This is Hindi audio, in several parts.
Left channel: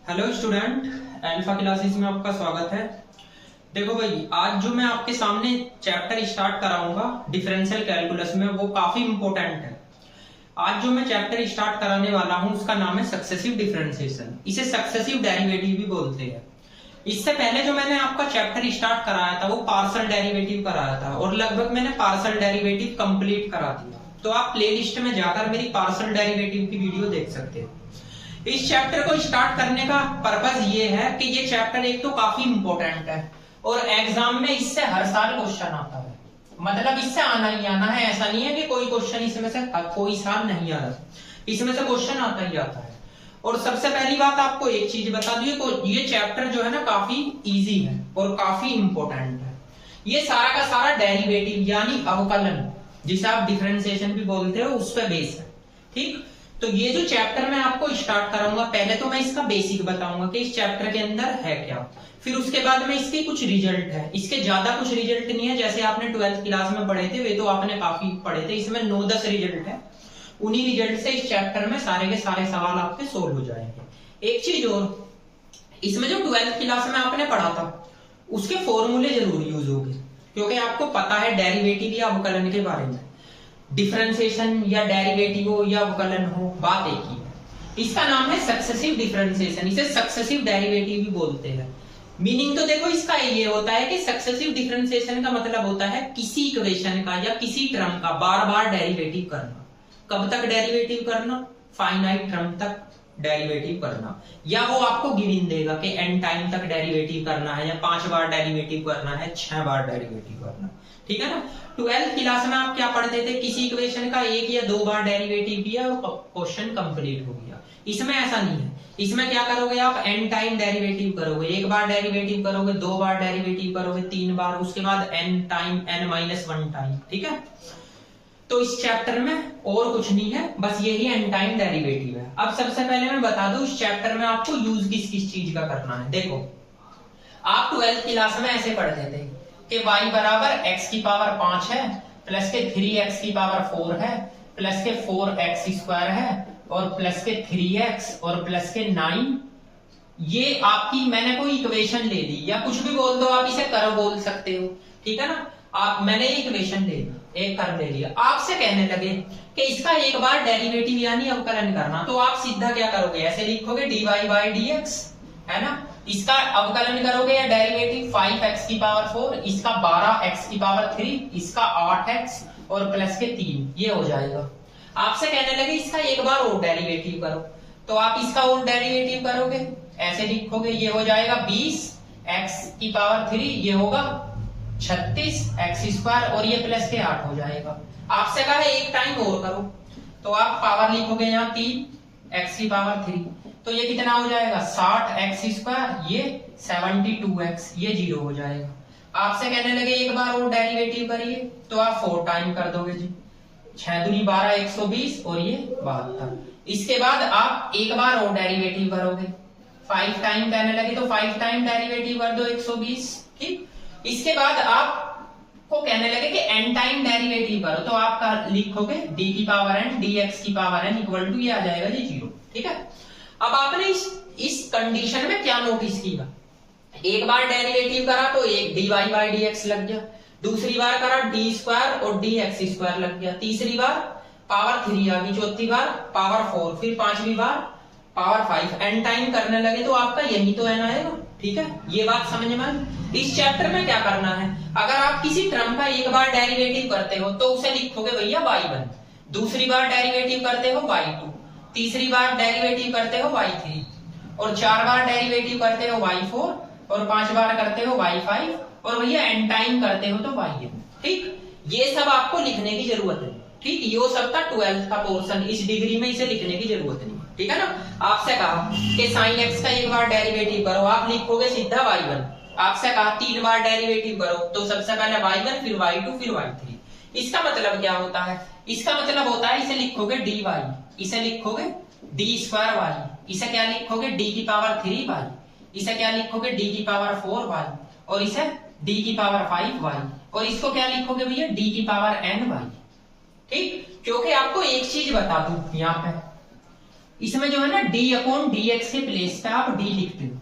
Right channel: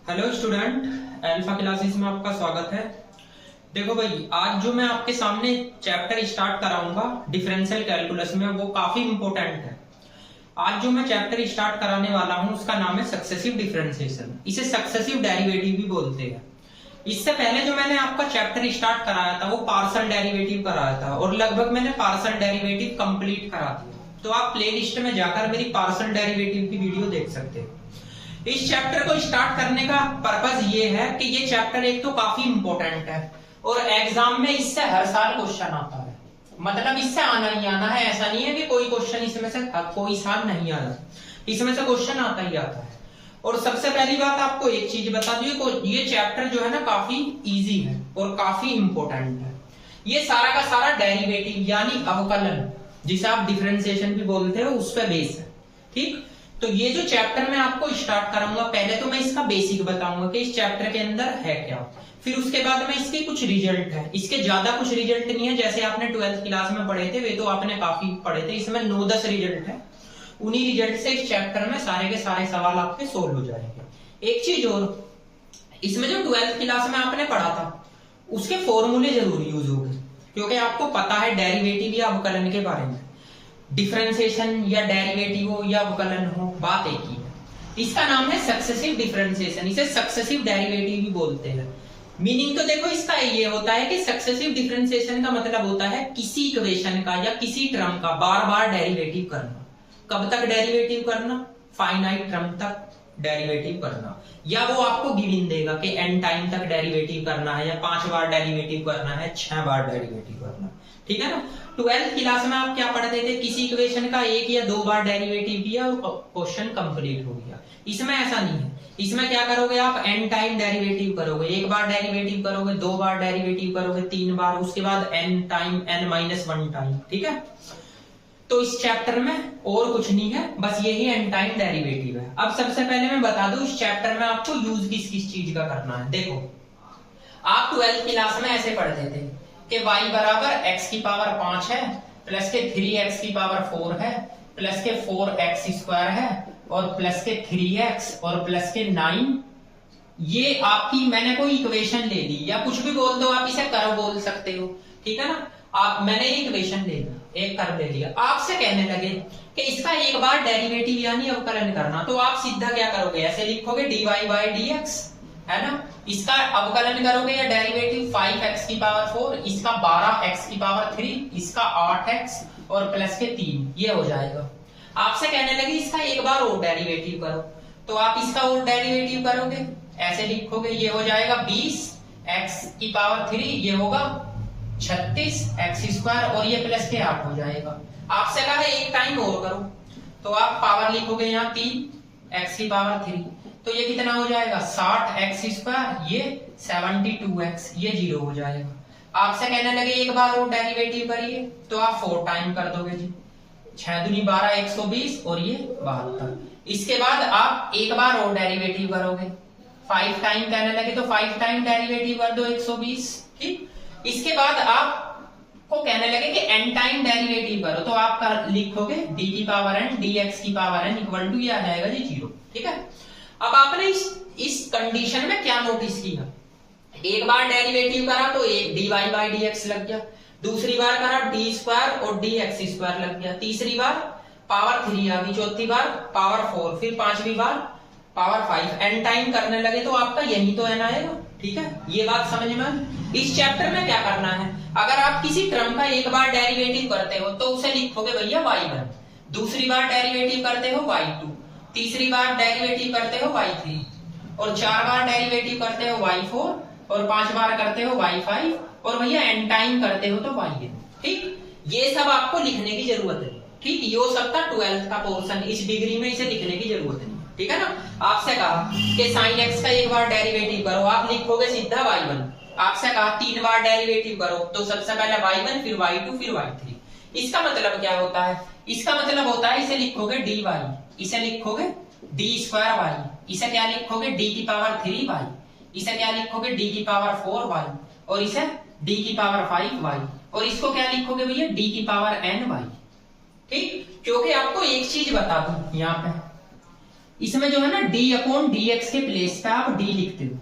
हेलो स्टूडेंट, अल्फा क्लासेस में आपका स्वागत है। देखो भाई, आज जो मैं आपके सामने चैप्टर स्टार्ट कराऊंगा डिफरेंशियल कैलकुलस में, वो काफी इंपॉर्टेंट है। आज जो मैं चैप्टर स्टार्ट कराने वाला हूं उसका नाम है सक्सेसिव डिफरेंशिएशन। इसे सक्सेसिव डेरिवेटिव भी बोलते हैं। इससे पहले जो मैंने आपका चैप्टर स्टार्ट कराया था वो पार्शियल डेरिवेटिव कराया था और लगभग मैंने पार्शियल डेरिवेटिव कंप्लीट करा दिया। तो आप प्लेलिस्ट में जाकर मेरी पार्शियल डेरिवेटिव की वीडियो देख सकते हो। इस चैप्टर को स्टार्ट करने का पर्पस ये है कि ये चैप्टर एक तो काफी इंपॉर्टेंट है और एग्जाम में इससे हर साल क्वेश्चन आता है। मतलब इससे आना ही आना है, ऐसा नहीं है कि कोई क्वेश्चन इसमें से कोई साल नहीं आता, इसमें से क्वेश्चन आता ही आता है। और सबसे पहली बात आपको एक चीज बता दूं, ये चैप्टर जो है ना काफी इजी है और काफी इंपॉर्टेंट है। ये सारा का सारा डेरिवेटिव यानी अवकलन, जिसे आप डिफरेंशिएशन भी बोलते हो, उस पर बेस है। ठीक, तो ये जो चैप्टर मैं आपको स्टार्ट कराऊंगा, पहले तो मैं इसका बेसिक बताऊंगा कि इस चैप्टर के अंदर है क्या। फिर उसके बाद में इसके कुछ रिजल्ट है। इसके ज्यादा कुछ रिजल्ट नहीं है, जैसे आपने 12th क्लास में पढ़े थे वे तो आपने काफी पढ़े थे। इसमें 9-10 रिजल्ट है। उन्हीं रिजल्ट से इस चैप्टर में सारे के सारे सवाल आपके सोल्व हो जाएंगे। एक चीज और, इसमें जो 12th क्लास में आपने पढ़ा था उसके फॉर्मूले जरूर यूज होंगे, क्योंकि आपको पता है डेरिवेटिव या अवकलन के बारे में। डिफरेंशिएशन या डेरिवेटिव हो या अवकलन हो, बात एक ही है। इसका नाम है सक्सेसिव डिफरेंशिएशन। इसे सक्सेसिव डेरिवेटिव भी बोलते हैं। मीनिंग तो देखो इसका ये होता है कि सक्सेसिव डिफरेंशिएशन का मतलब होता है किसी इक्वेशन का या किसी टर्म का बार बार डेरिवेटिव करना। कब तक डेरिवेटिव करना? फाइनाइट टर्म तक डेरिवेटिव करना। या वो आपको गिवन देगा कि n टाइम तक डेरिवेटिव करना है, या 5 बार डेरिवेटिव करना है, 6 बार डेरिवेटिव करना। ठीक है ना। 12th क्लास में आप क्या पढ़ते थे? किसी इक्वेशन का 1 या 2 बार डेरिवेटिव किया, वो क्वेश्चन कंप्लीट हो गया। इसमें ऐसा नहीं है। इसमें क्या करोगे आप? n टाइम डेरिवेटिव करोगे। 1 बार डेरिवेटिव करोगे, 2 बार डेरिवेटिव करोगे, 3 बार, उसके बाद n टाइम n-1 टाइम। ठीक है। तो इस चैप्टर में और कुछ नहीं है, बस यही n टाइम डेरिवेटिव है। अब सबसे पहले मैं बता दूं इस चैप्टर में आपको यूज किस किस चीज का करना है। देखो, आप 12th क्लास में ऐसे पढ़ते थे कि y बराबर x की पावर 5 है, प्लस के 3x की पावर 4 है, प्लस के 4x स्क्वायर है, और प्लस के 3x और प्लस के 9। ये आपकी मैंने कोई इक्वेशन ले ली, या कुछ भी बोल दो, आप इसे कर्व बोल सकते हो। ठीक है ना। आप मैंने इक्वेशन ले ली, एक कर्व ले लिया, आपसे कहने लगे कि इसका 1 बार डेरिवेटिव यानी अवकलन करना, तो आप सीधा क्या करोगे? ऐसे लिखोगे dy by dx, है ना। इसका अवकलन करोगे या डेरिवेटिव 5x की पावर 4, इसका 12x की पावर 3, इसका 8x और प्लस के 3, ये हो जाएगा। आपसे कहने लगे इसका 1 बार और डेरिवेटिव करो, तो आप इसका और डेरिवेटिव करोगे, ऐसे लिखोगे, ये हो जाएगा 20x की पावर 3, ये होगा 36x स्क्वायर, और ये प्लस के 8 हो जाएगा। आपसे कहा है 1 टाइम और करो, तो आप पावर लिखोगे यहाँ 3x की पावर 3, तो ये कितना हो जाएगा? 60x स्क्वायर, ये 72x, ये 0 हो जाएगा। आपसे कहने लगे 1 बार और डेरिवेटिव करिए, तो आप 4 टाइम कर दोगे जी। 6 दूनी 12, 120, और ये 72। इसके बाद आप 1 बार और डेरिवेटिव करोगे, 5 टाइम कहने लगे तो 5 टाइम डेरिवेटिव कर दो, 120। ठीक। इसके बाद आप को कहने लगे कि n टाइम डेरिवेटिव करो, तो आप लिखोगे d की पावर n dx की पावर n इक्वल टू, ये आ जाएगा जी 0। ठीक है। अब आपने इस कंडीशन में क्या नोटिस किया? 1 बार डेरिवेटिव करा तो एक dy by dx लग गया, दूसरी बार करा d स्क्वायर और dx स्क्वायर लग गया, तीसरी बार पावर 3 आ गई, चौथी बार पावर 4, फिर पांचवी बार पावर 5। n टाइम करने लगे तो आपका यही तो n आएगा। ठीक है, ये बात समझ में। इस चैप्टर में क्या करना है? अगर आप किसी टर्म का 1 बार डेरिवेटिव करते हो तो उसे लिखोगे भैया y1, दूसरी बार डेरिवेटिव करते हो y2, तीसरी बार डेरिवेटिव करते हो y3, और 4 बार डेरिवेटिव करते हो y4, और 5 बार करते हो y5, और भैया n टाइम करते हो तो yn। ठीक, ये सब आपको लिखने की जरूरत है। ठीक, ये हो सकता 12th का पोर्शन, इस डिग्री में इसे लिखने की जरूरत नहीं। ठीक है ना। आपसे कहा कि sin x का 1 बार डेरिवेटिव करो, आप लिखोगे सीधा y1। आपसे कहा 3 बार डेरिवेटिव करो, तो सबसे पहले y1, फिर y2, फिर y3। इसका मतलब क्या होता है? इसका मतलब होता है इसे लिखोगे dy, इसे लिखोगे d स्क्वायर y, इसे क्या लिखोगे? d की पावर 3y, इसे क्या लिखोगे? d की पावर 4y, और इसे d की पावर 5y, और इसको क्या लिखोगे भैया? d की पावर ny। ठीक, क्योंकि आपको एक चीज बता दूं यहाँ पे, इसमें जो है ना डी अपॉन डी एक्स के प्लेस पे आप डी लिखते हो।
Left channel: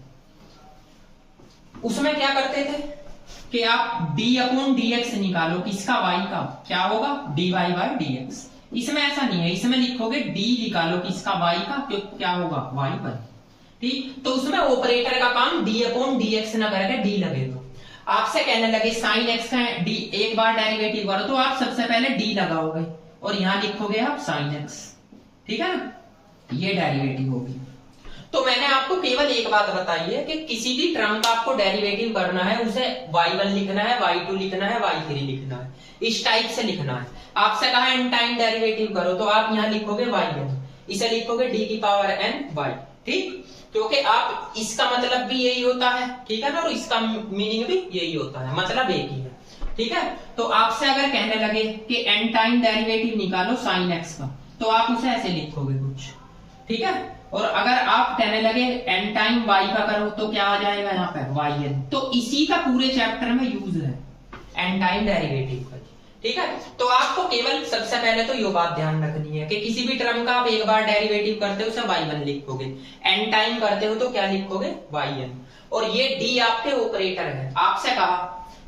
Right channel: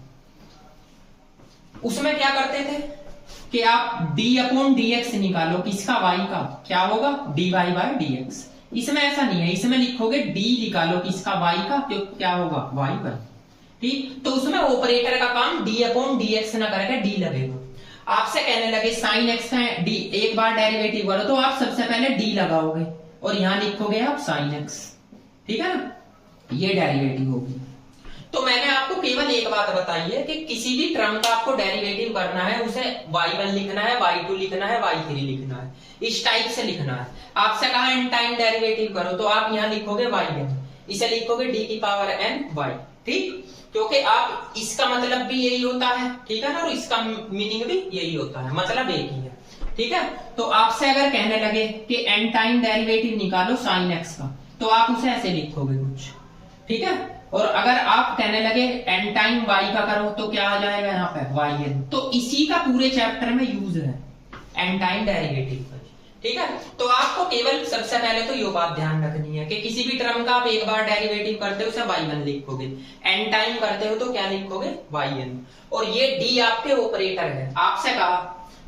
उसमें क्या करते थे कि आप डी अपॉन डी एक्स निकालो, किसका, वाई का, क्या होगा, D Y by D X. इसमें ऐसा नहीं है, इसमें लिखोगे डी निकालो किसका, वाई का, क्यों, क्या होगा, वाई पर। ठीक, तो उसमें ऑपरेटर का काम डी अपॉन डी एक्स ना करके डी लगेगा। आपसे कहने लगे साइन एक्स का डी एक बार डेरिवेटिव करो, तो आप सबसे पहले डी लगाओगे और यहां लिखोगे आप साइन एक्स। ठीक है ना, ये डेरिवेटिव होगी। तो मैंने आपको केवल एक बात बताई है कि किसी भी टर्म का आपको डेरिवेटिव करना है, उसे y1 लिखना है, y2 लिखना है, y3 लिखना है, इस टाइप से लिखना है। आपसे कहा n टाइम डेरिवेटिव करो, तो आप यहाँ लिखोगे yn, इसे लिखोगे d की पावर n y। ठीक, क्योंकि आप इसका मतलब भी यही होता है, ठीक है ना, और इसका मीनिंग भी यही होता है, मतलब एक ही है। ठीक है, तो आपसे अगर कहने लगे कि n टाइम डेरिवेटिव निकालो साइन x का, तो आप उसे ऐसे लिखोगे कुछ। ठीक है, और अगर आप कहने लगे n टाइम y का करो, तो क्या आ जाएगा यहाँ पे yn। तो इसी का पूरे चैप्टर में यूज है n टाइम डेरिवेटिव का। ठीक है, तो आपको केवल सबसे पहले तो ये बात ध्यान रखनी है कि किसी भी टर्म का आप एक बार डेरिवेटिव करते हो उसे y1 लिखोगे, n टाइम करते हो तो क्या लिखोगे, yn। और ये d आपके ऑपरेटर है। आपसे कहा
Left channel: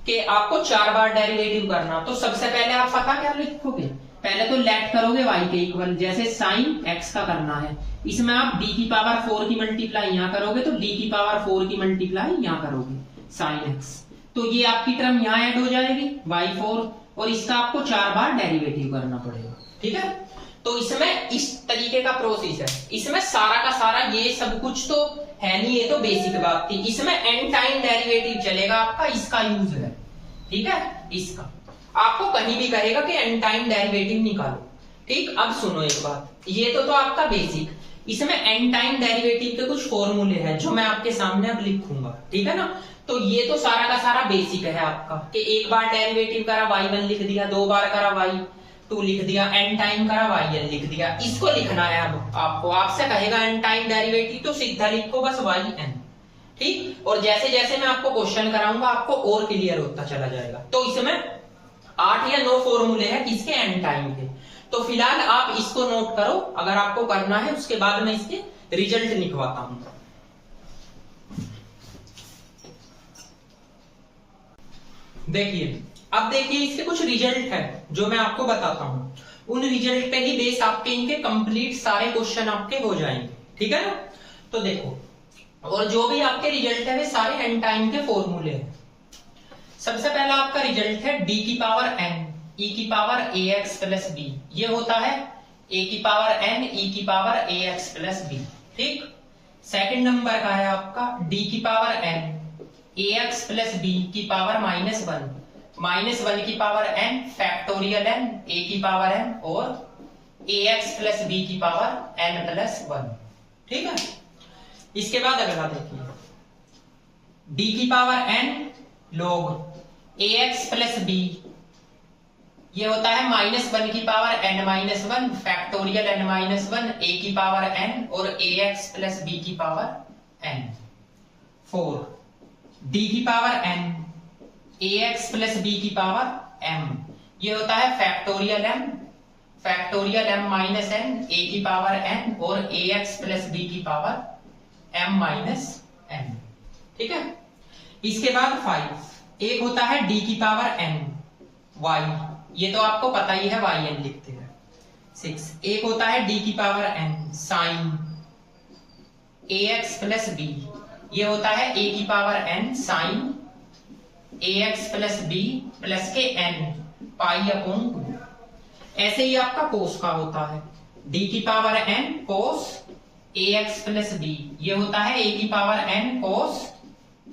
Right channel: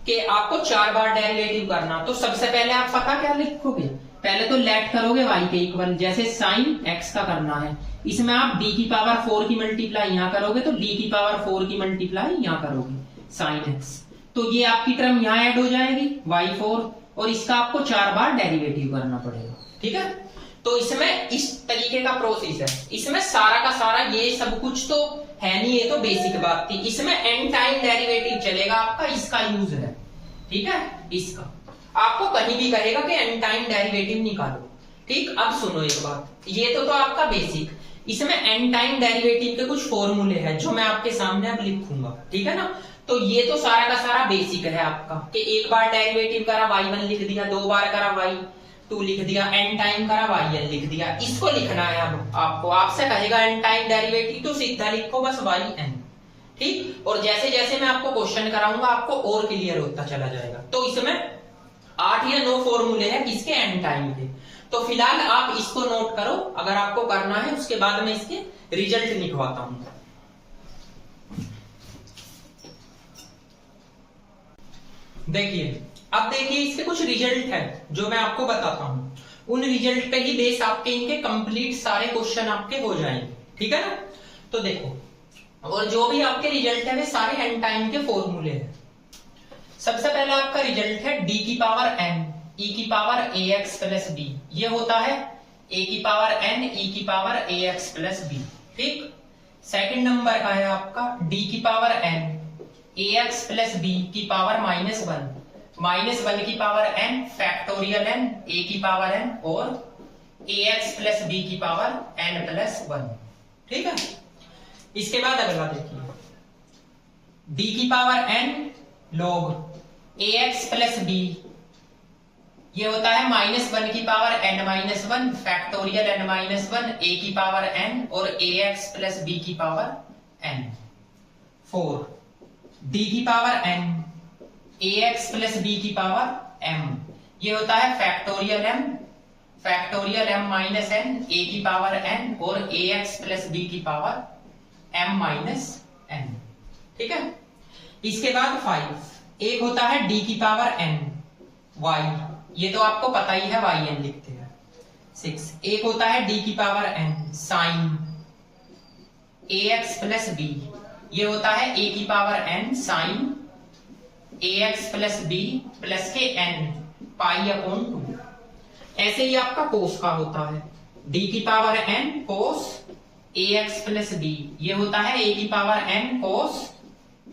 कि आपको 4 बार डेरिवेटिव करना, तो सबसे पहले आप पता क्या लिखोगे, पहले तो लेट करोगे y के इक्वल, जैसे साइन x का करना है, इसमें आप d की पावर 4 की मल्टीप्लाई यहाँ करोगे, तो d की पावर 4 की मल्टीप्लाई यहाँ करोगे साइन x, तो ये आपकी टर्म यहाँ ऐड हो जाएगी y4, और इसका आपको 4 बार डेरिवेटिव करना पड़ेगा। ठीक है, तो इसमें इस तरीके का प्रोसेस है। इसमें सारा का सारा ये सब कुछ तो है नहीं, ये तो बेसिक बात थी। इसमें n टाइम डेरिवेटिव चलेगा आपका, इसका यूज है। ठीक है, इसका आपको कहीं भी कहेगा कि n टाइम डेरिवेटिव निकालो। ठीक, अब सुनो एक बात, ये तो आपका बेसिक, इसमें n टाइम डेरिवेटिव के कुछ फॉर्मूले हैं जो मैं आपके सामने अब लिखूंगा। ठीक है ना, तो ये तो सारा का सारा बेसिक है आपका कि एक बार डेरिवेटिव करा y1 लिख दिया, 2 बार करा y2 लिख दिया, n टाइम करा yn लिख दिया। इसको लिखना है अब आपको, आपसे कहेगा n टाइम डेरिवेटिव, तो सीधा लिखो बस yn। ठीक, और जैसे जैसे मैं आपको क्वेश्चन कराऊंगा आपको और क्लियर होता चला जाएगा। तो इसमें 8 या 9 फॉर्मूले हैं किसके, n टाइम के। तो फिलहाल आप इसको नोट करो, अगर आपको करना है उसके बाद मैं इसके रिजल्ट लिखवाता हूं। देखिए, अब देखिए इसके कुछ रिजल्ट है जो मैं आपको बताता हूं। उन रिजल्ट पे ही बेस आपके इनके कंप्लीट सारे क्वेश्चन आपके हो जाएंगे। ठीक है ना, तो देखो, और जो भी आपके रिजल्ट है वे सारे n टाइम के फॉर्मूले हैं। सबसे पहला आपका रिजल्ट है d की पावर n e की पावर ax प्लस b, ये होता है a की पावर n e की पावर ax प्लस b। ठीक, सेकंड नंबर का है आपका d की power n ax plus b की पावर -1 की power n factorial n a की पावर n और ax प्लस b की पावर n प्लस 1। ठीक है, इसके बाद अगला देखिए, d की power n log ax plus b, ये होता है -1 की power n-1 factorial n-1 a की पावर n और ax प्लस b की पावर n। 4 d की power n ax plus b की पावर m, ये होता है फैक्टोरियल m -n a की पावर n और ax प्लस b की पावर m-n। ठीक है, इसके बाद 5 एक होता है d की पावर n y, ये तो आपको पता ही है yn लिखते हैं। 6 एक होता है d की power n sine ax plus b, ये होता है a की power n sine ax plus b plus के n π/2। ऐसे ही आपका कोस का होता है d की पावर n कोस ax प्लस b, ये होता है a की पावर n कोस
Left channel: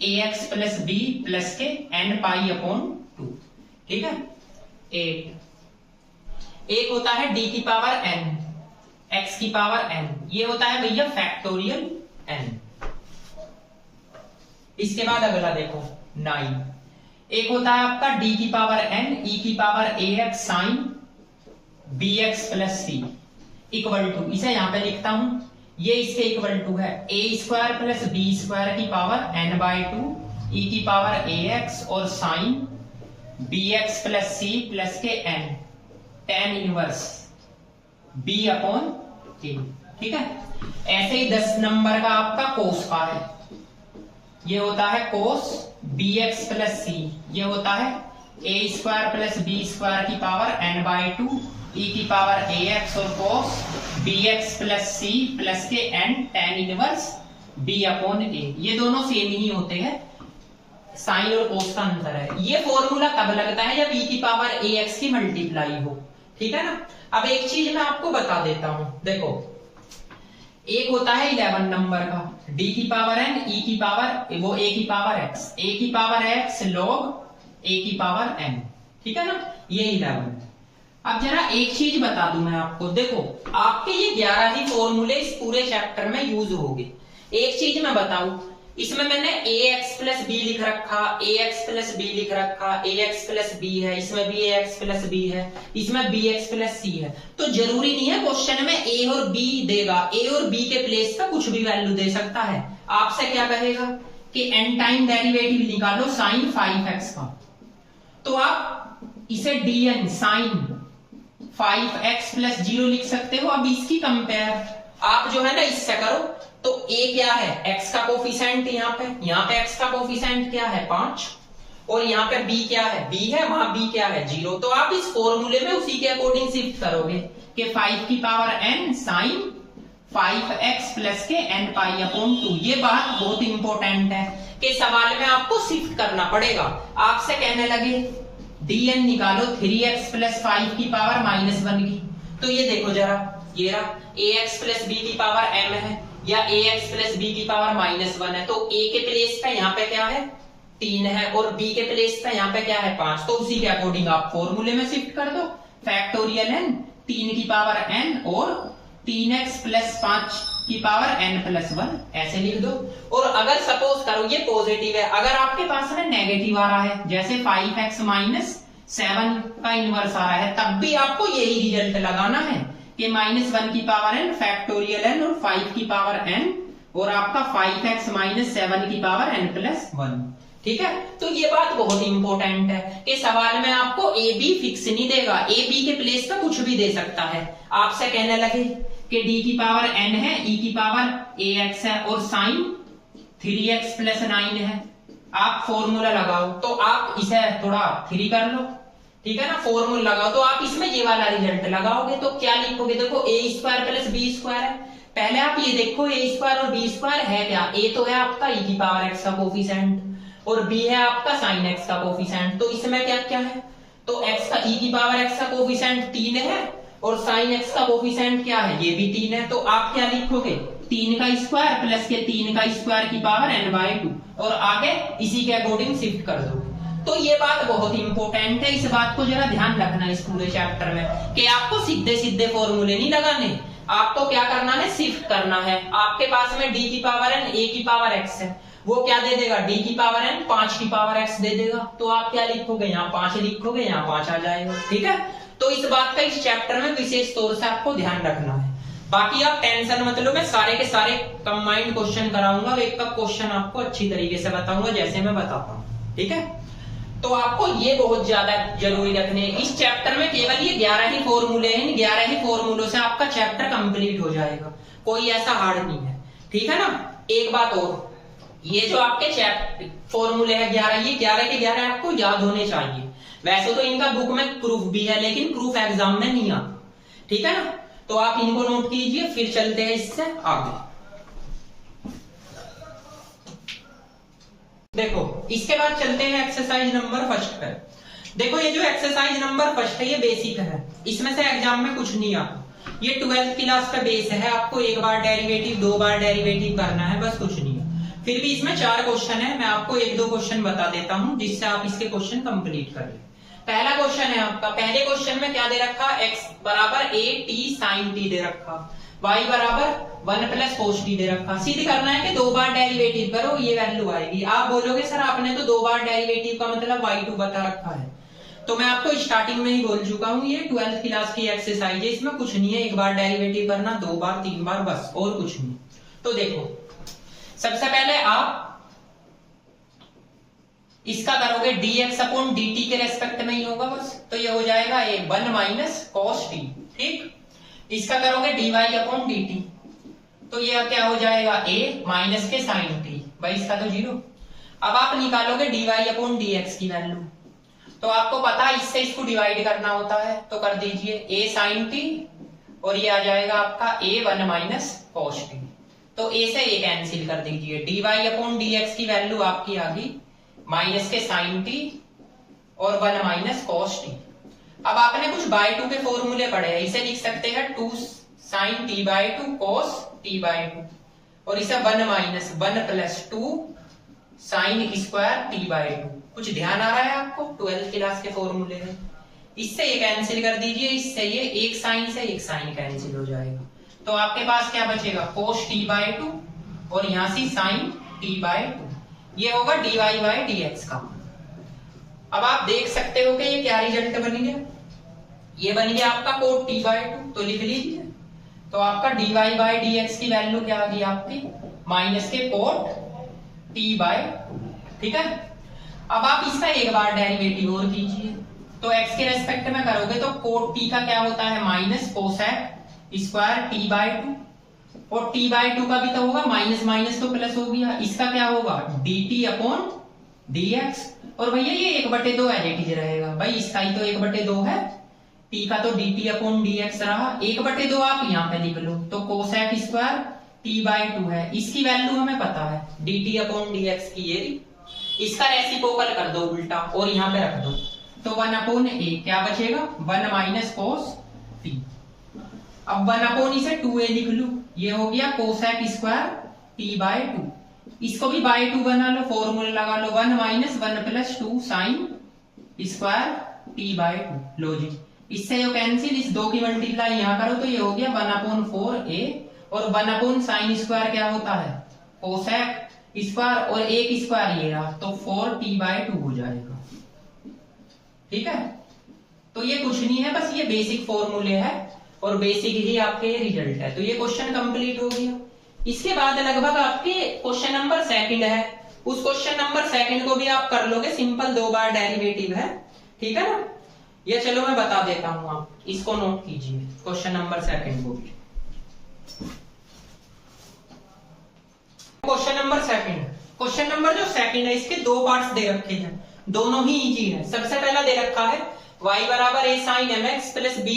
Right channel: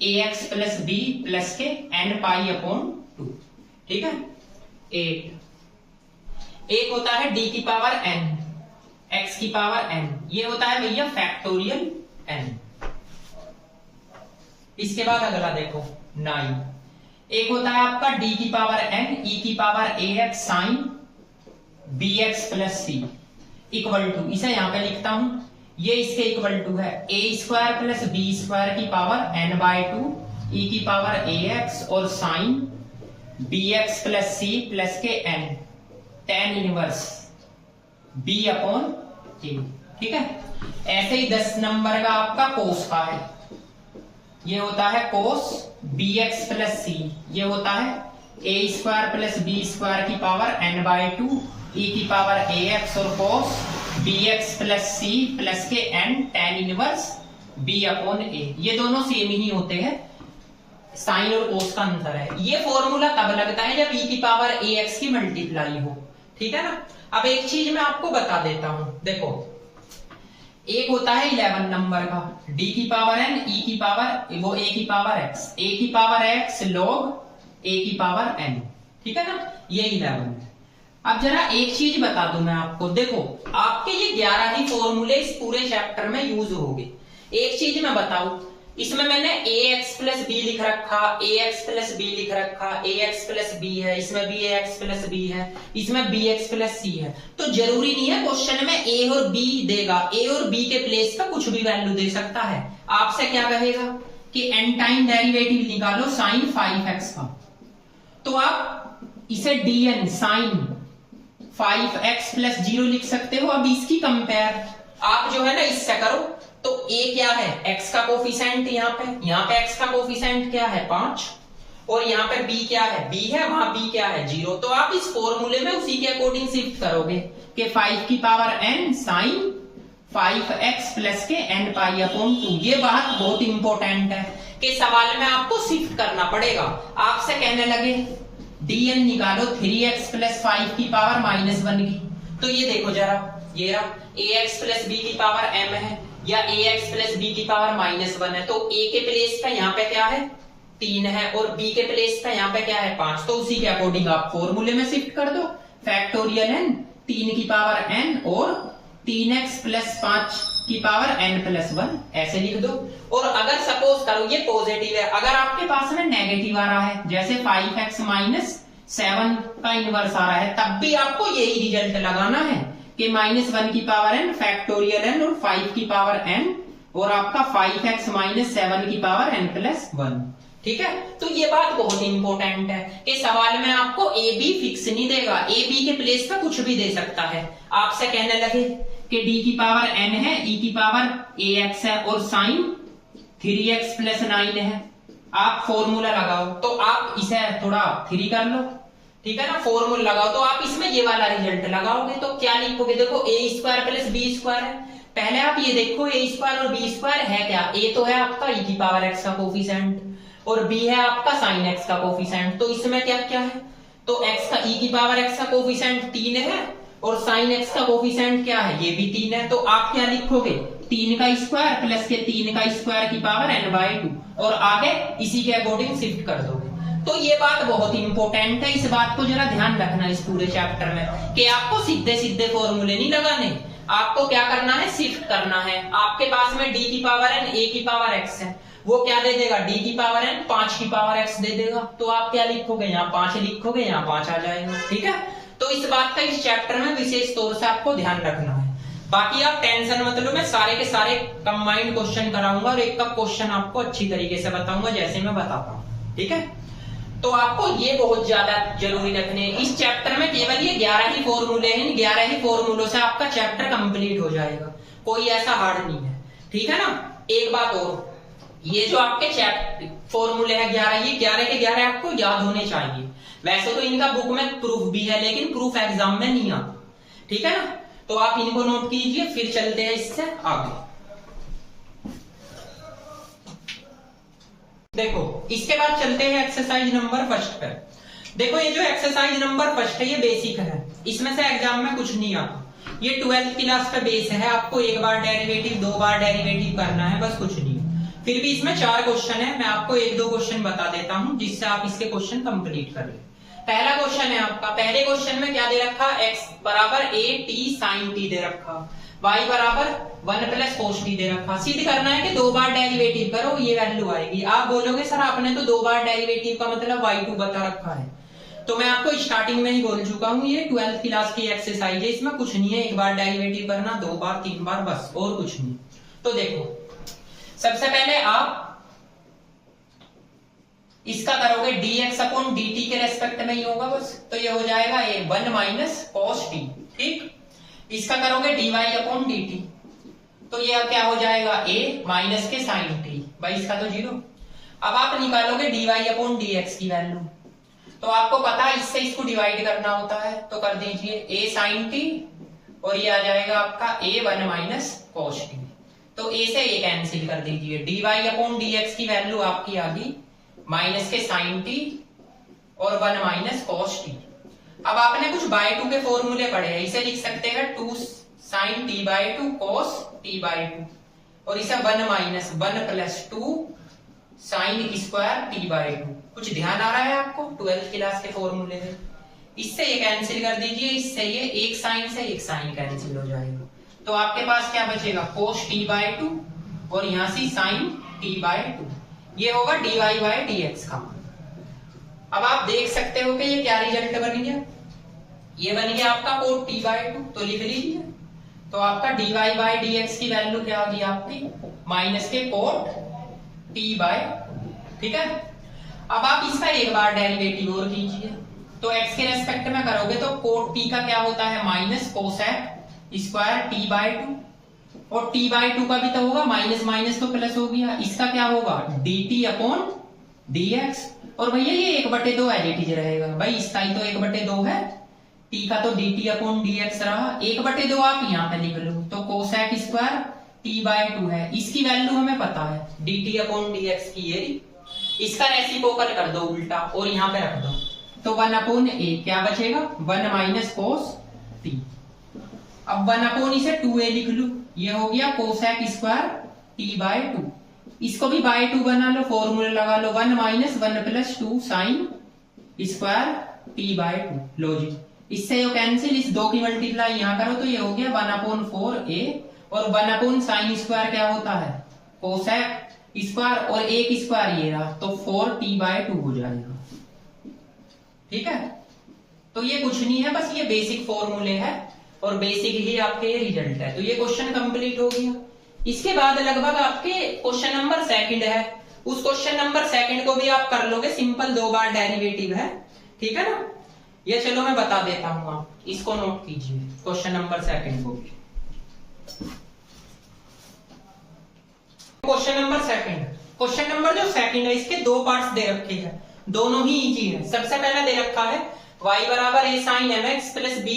ax प्लस b प्लस के n π/2। ठीक है, 8 एक होता है d की पावर n x की पावर n, ये होता है भैया फैक्टोरियल n। इसके बाद अगला देखो 9 एक होता है आपका d की पावर n e की power ax sine bx plus c equal to, इसे यहां पे लिखता हूं, ये इसके इक्वल टू है a² प्लस b² की पावर n/2 e की पावर ax और sine bx plus c plus के n tan इनवर्स b/q। ठीक है, ऐसे ही 10 नंबर का आपका कोस का है, ये होता है कोस bx प्लस सी, ये होता है a square plus B square की पावर n/2 e की पावर ax और cos bx plus C plus के n tan inverse b upon a। ये दोनों सेम ही होते हैं, साइन और कोस का अंतर है। ये फॉर्मूला तब लगता है जब e की पावर ax की मल्टीप्लाई हो, ठीक है ना। अब एक चीज मैं आपको बता देता हूं, देखो एक होता है 11 नंबर का d की पावर n e की पावर वो a की पावर x log a की पावर n, ठीक है ना, ये 11 है। अब जरा एक चीज बता दूं मैं आपको, देखो आपके ये 11 ही फॉर्मूले इस पूरे चैप्टर में यूज होंगे। एक चीज मैं बताऊं, इसमें मैंने ax प्लस बी लिख रखा, ax प्लस बी लिख रखा, ax प्लस बी है, इसमें भी ax प्लस बी है, इसमें bx प्लस सी है। तो जरूरी नहीं है क्वेश्चन में a और b देगा, a और b के प्लेस का कुछ भी वैल्यू दे सकता है। आपसे क्या कहेगा कि n टाइम डेरिवेटिव निकालो साइन 5x का, तो आप इसे dn साइन 5x प्लस 0 लिख सकते हो। अब इसकी कंपेयर आप जो है ना इससे करो, तो a क्या है, x का कोफिशिएंट, यहाँ पे x का कोफिशिएंट क्या है 5, और यहाँ पे b क्या है, b है, वहां b क्या है 0। तो आप इस फॉर्मूले में उसी के अकॉर्डिंग शिफ्ट करोगे कि 5 की power n sine 5x plus के n पाई अपॉन 2। ये बात बहुत इंपॉर्टेंट है कि सवाल में आपको शिफ्ट करना पड़ेगा। आपसे कहने लगे dn निकालो 3x प्लस 5 की पावर -1 की, तो ये देखो जरा, ये रहा ax प्लस b की पावर m है या ax प्लस b की पावर -1 है, तो a के प्लेस पे यहाँ पे क्या है 3 है और b के प्लेस पे यहाँ पे क्या है 5। तो उसी के अकॉर्डिंग आप फॉर्मूले में शिफ्ट कर दो, फैक्टोरियल n 3 की पावर n और 3x प्लस 5 की पावर n प्लस 1 ऐसे लिख दो। और अगर सपोज करो ये पॉजिटिव है, अगर आपके पास में नेगेटिव आ रहा है जैसे 5x माइनस 7 का इनवर्स आ रहा है, तब भी आपको यही रिजल्ट लगाना है कि -1 की पावर n फैक्टोरियल n और 5 की पावर n और आपका 5x माइनस 7 की पावर n प्लस 1, ठीक है। तो ये बात बहुत इंपॉर्टेंट है कि सवाल में आपको a b फिक्स नहीं देगा, a b के प्लेस पे कुछ भी दे सकता है। आपसे कहने लगे कि d की पावर n है, e की पावर ax है और साइन 3x प्लस 9 है, आप फॉर्मूला लगाओ, तो आप इसे थोड़ा 3 कर लो, ठीक है ना, फॉर्मूला लगाओ, तो आप इसमें ये वाला रिजल्ट लगाओगे तो क्या लिखोगे, देखो a square plus b square है। पहले आप ये देखो a स्क्वायर और b स्क्वायर है क्या, a तो है आपका e की पावर x का कोफिशिएंट और b है आपका साइन x का कोफिशिएंट। तो इसमें क्या क्या है, तो x का e की पावर x का कोफिशिएंट 3 है और साइन x का कोफिशिएंट क्या है, ये भी 3 है। तो आप क्या लिखोगे 3 का स्क्वायर प्लस के 3 का स्क्वायर की पावर n/2 और आगे इसी के अकॉर्डिंग शिफ्ट कर दोगे। तो ये बात बहुत इंपॉर्टेंट है, इस बात को जरा ध्यान रखना इस पूरे चैप्टर में कि आपको सीधे सीधे फॉर्मूले नहीं लगाने, आपको क्या करना है शिफ्ट करना है। आपके पास में d की पावर n a की पावर x है, वो क्या दे देगा d की पावर n 5 की पावर x दे देगा, तो आप क्या लिखोगे यहाँ 5 लिखोगे, यहाँ 5 आ जाएगा, ठीक है। तो इस बात का इस चैप्टर में विशेष तौर से आपको ध्यान रखना है। बाकी आप टेंशन मत लो, मैं सारे के सारे कंबाइंड क्वेश्चन कराऊंगा और एक का क्वेश्चन आपको अच्छी तरीके से बताऊंगा जैसे मैं बताता हूँ, ठीक है। तो आपको ये बहुत ज्यादा जरूरी रखने हैं। इस चैप्टर में केवल ये 11 ही फॉर्मूले हैं, 11 ही फॉर्मूलों से आपका चैप्टर कंप्लीट हो जाएगा, कोई ऐसा हार्ड नहीं है, ठीक है ना। एक बात और, ये जो आपके चैप्टर फॉर्मूले हैं 11, ये 11 के 11 आपको याद होने चाहिए। वैसे तो इनका बुक में प्रूफ भी है, लेकिन प्रूफ एग्जाम में नहीं आता, ठीक है ना। तो आप इनको नोट कीजिए, फिर चलते हैं इससे आगे। देखो इसके बाद चलते हैं एक्सरसाइज नंबर फर्स्ट पे। देखो ये जो एक्सरसाइज नंबर फर्स्ट है ये बेसिक है, इसमें से एग्जाम में कुछ नहीं आता। ये 12th क्लास का बेस है, आपको एक बार डेरिवेटिव 2 बार डेरिवेटिव करना है, बस कुछ नहीं है। फिर भी इसमें 4 क्वेश्चन है, मैं आपको 1-2 क्वेश्चन बता देता हूं जिससे आप इसके क्वेश्चन कंप्लीट कर ले। पहला क्वेश्चन है आपका, पहले क्वेश्चन में क्या दे रखा, x बराबर a t sin t दे रखा, y बराबर 1 प्लस cos t दे रखा। सिद्ध करना है कि 2 बार डेरिवेटिव करो ये वैल्यू आएगी। आप बोलोगे सर आपने तो 2 बार डेरिवेटिव का मतलब y2 बता रखा है, तो मैं आपको स्टार्टिंग में ही बोल चुका हूं ये 12th क्लास की एक्सरसाइज है, इसमें कुछ नहीं है, 1 बार डेरिवेटिव करना, 2 बार 3 बार, बस और कुछ नहीं। तो देखो सबसे पहले आप इसका करोगे dx अपॉन dt के रेस्पेक्ट में ही होगा बस, तो ये हो जाएगा 1 माइनस cos t, ठीक। इसका करोगे dy अपॉन dt, तो यह क्या हो जाएगा a माइनस के साइन टी, भाई इसका तो 0। अब आप निकालोगे dy अपॉन dx की वैल्यू, तो आपको पता है इससे इसको डिवाइड करना होता है, तो कर दीजिए a साइन टी और ये आ जाएगा आपका a 1 माइनस कॉस टी। तो a से a कैंसिल कर दीजिए, dy अपॉन dx की वैल्यू आपकी आ गई माइनस के साइन टी और 1 माइनस कॉस टी। अब आपने कुछ बाय टू के फॉर्मूले पढ़े हैं, इसे लिख सकते हैं 2 sine T by 2 cos T by 2 और इसे 1 minus 1 plus 2 sine square T by 2। कुछ ध्यान आ रहा है आपको? 12th क्लास के फॉर्मूले है। इससे ये कैंसिल कर दीजिए, इससे ये एक साइन से एक साइन कैंसिल हो जाएगा, तो आपके पास क्या बचेगा cos t बाई 2 और यहां से sin t बाई 2, ये होगा dy बाई dx का। अब आप देख सकते हो कि ये क्या रिजल्ट बन गया, ये बन गया आपका cot t बाई 2, तो लिख लीजिए। तो आपका dy बाई dx की वैल्यू क्या आ गई आपकी माइनस के cot t बाई 2, ठीक है। अब आप इसका एक बार डेरिवेटिव और कीजिए, तो x के रेस्पेक्ट में करोगे तो cot t का क्या होता है minus cosec square t by 2 और t बाई 2 का भी तो होगा माइनस माइनस तो प्लस हो गया, इसका क्या होगा dt अपॉन dx और भैया ये 1/2 एज इट इज रहेगा, भाई इसका ही तो 1/2 है, t का तो dt अपॉन dx रहा, 1/2 आप यहाँ पे लिख लो, तो कोसेक स्क्वायर t बाई 2 है, इसकी वैल्यू हमें पता है dt अपॉन dx की, ये इसका रेसिप्रोकल कर दो उल्टा और यहाँ पे रख दो, तो 1 अपॉन a क्या बचेगा 1 माइनस कोस t। अब 1 अपॉन इसे 2a लिख लू, ये हो गया कोसेक स्क्वायर t बाई 2, इसको भी बाई 2 बना लो, फॉर्मूला लगा लो 1 minus 1 plus 2 sine square t by 2, लो जी इससे जो कैंसिल, इस 2 की मल्टीप्लाई यहाँ करो तो ये हो गया 1 अपॉन 4a और 1 अपॉन साइन स्क्वायर क्या होता है कोसेक स्क्वायर और एक स्क्वायर ये रहा, तो 4t बाई 2 हो जाएगा, ठीक है। तो ये कुछ नहीं है, बस ये बेसिक फॉर्मूले है और बेसिक ही आपके रिजल्ट है, तो ये क्वेश्चन कंप्लीट हो गया। इसके बाद लगभग आपके क्वेश्चन नंबर 2 है, उस क्वेश्चन नंबर 2 को भी आप कर लोगे, सिंपल 2 बार डेरिवेटिव है, ठीक है ना। ये चलो मैं बता देता हूं, आप इसको नोट कीजिए क्वेश्चन नंबर 2 को भी। क्वेश्चन नंबर 2, क्वेश्चन नंबर जो 2 है इसके 2 पार्ट्स दे रखे हैं, दोनों ही इजी है। सबसे पहला दे रखा है y बराबर a sin mx plus b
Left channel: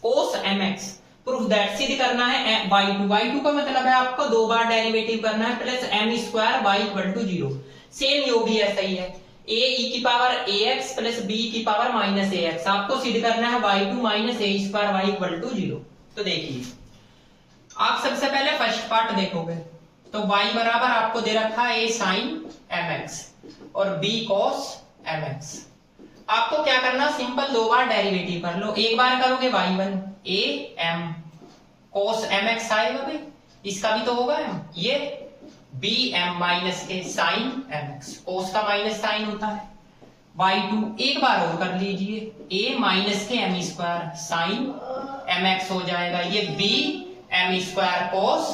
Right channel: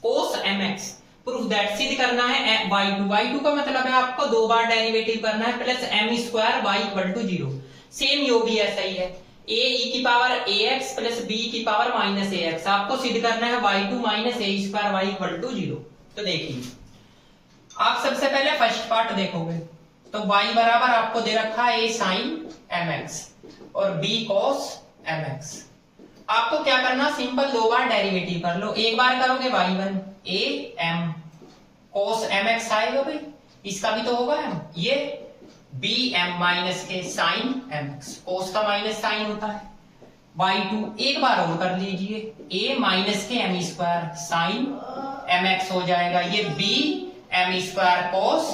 cos mx, proof that, सिद्ध करना है y2 का मतलब है आपको 2 बार डेरिवेटिव करना है, plus m square y equal to 0, same यो भी ऐसा ही है, a e की पावर ax प्लस b की पावर माइनस ax, आपको सिद्ध करना है y2 minus a square y equal to 0। तो देखिए आप सबसे पहले फर्स्ट पार्ट देखोगे, तो y बराबर आपको दे रखा है a sin mx और b cos mx, आपको क्या करना सिंपल 2 बार डेरिवेटिव कर लो, एक बार करोगे y1 a m cos mx आएगा, भाई इसका भी तो होगा m, ये b m माइनस के sin mx, cos का माइनस साइन होता है, y2 एक बार और कर लीजिए a माइनस के m स्क्वायर sin mx हो जाएगा, ये b m square cos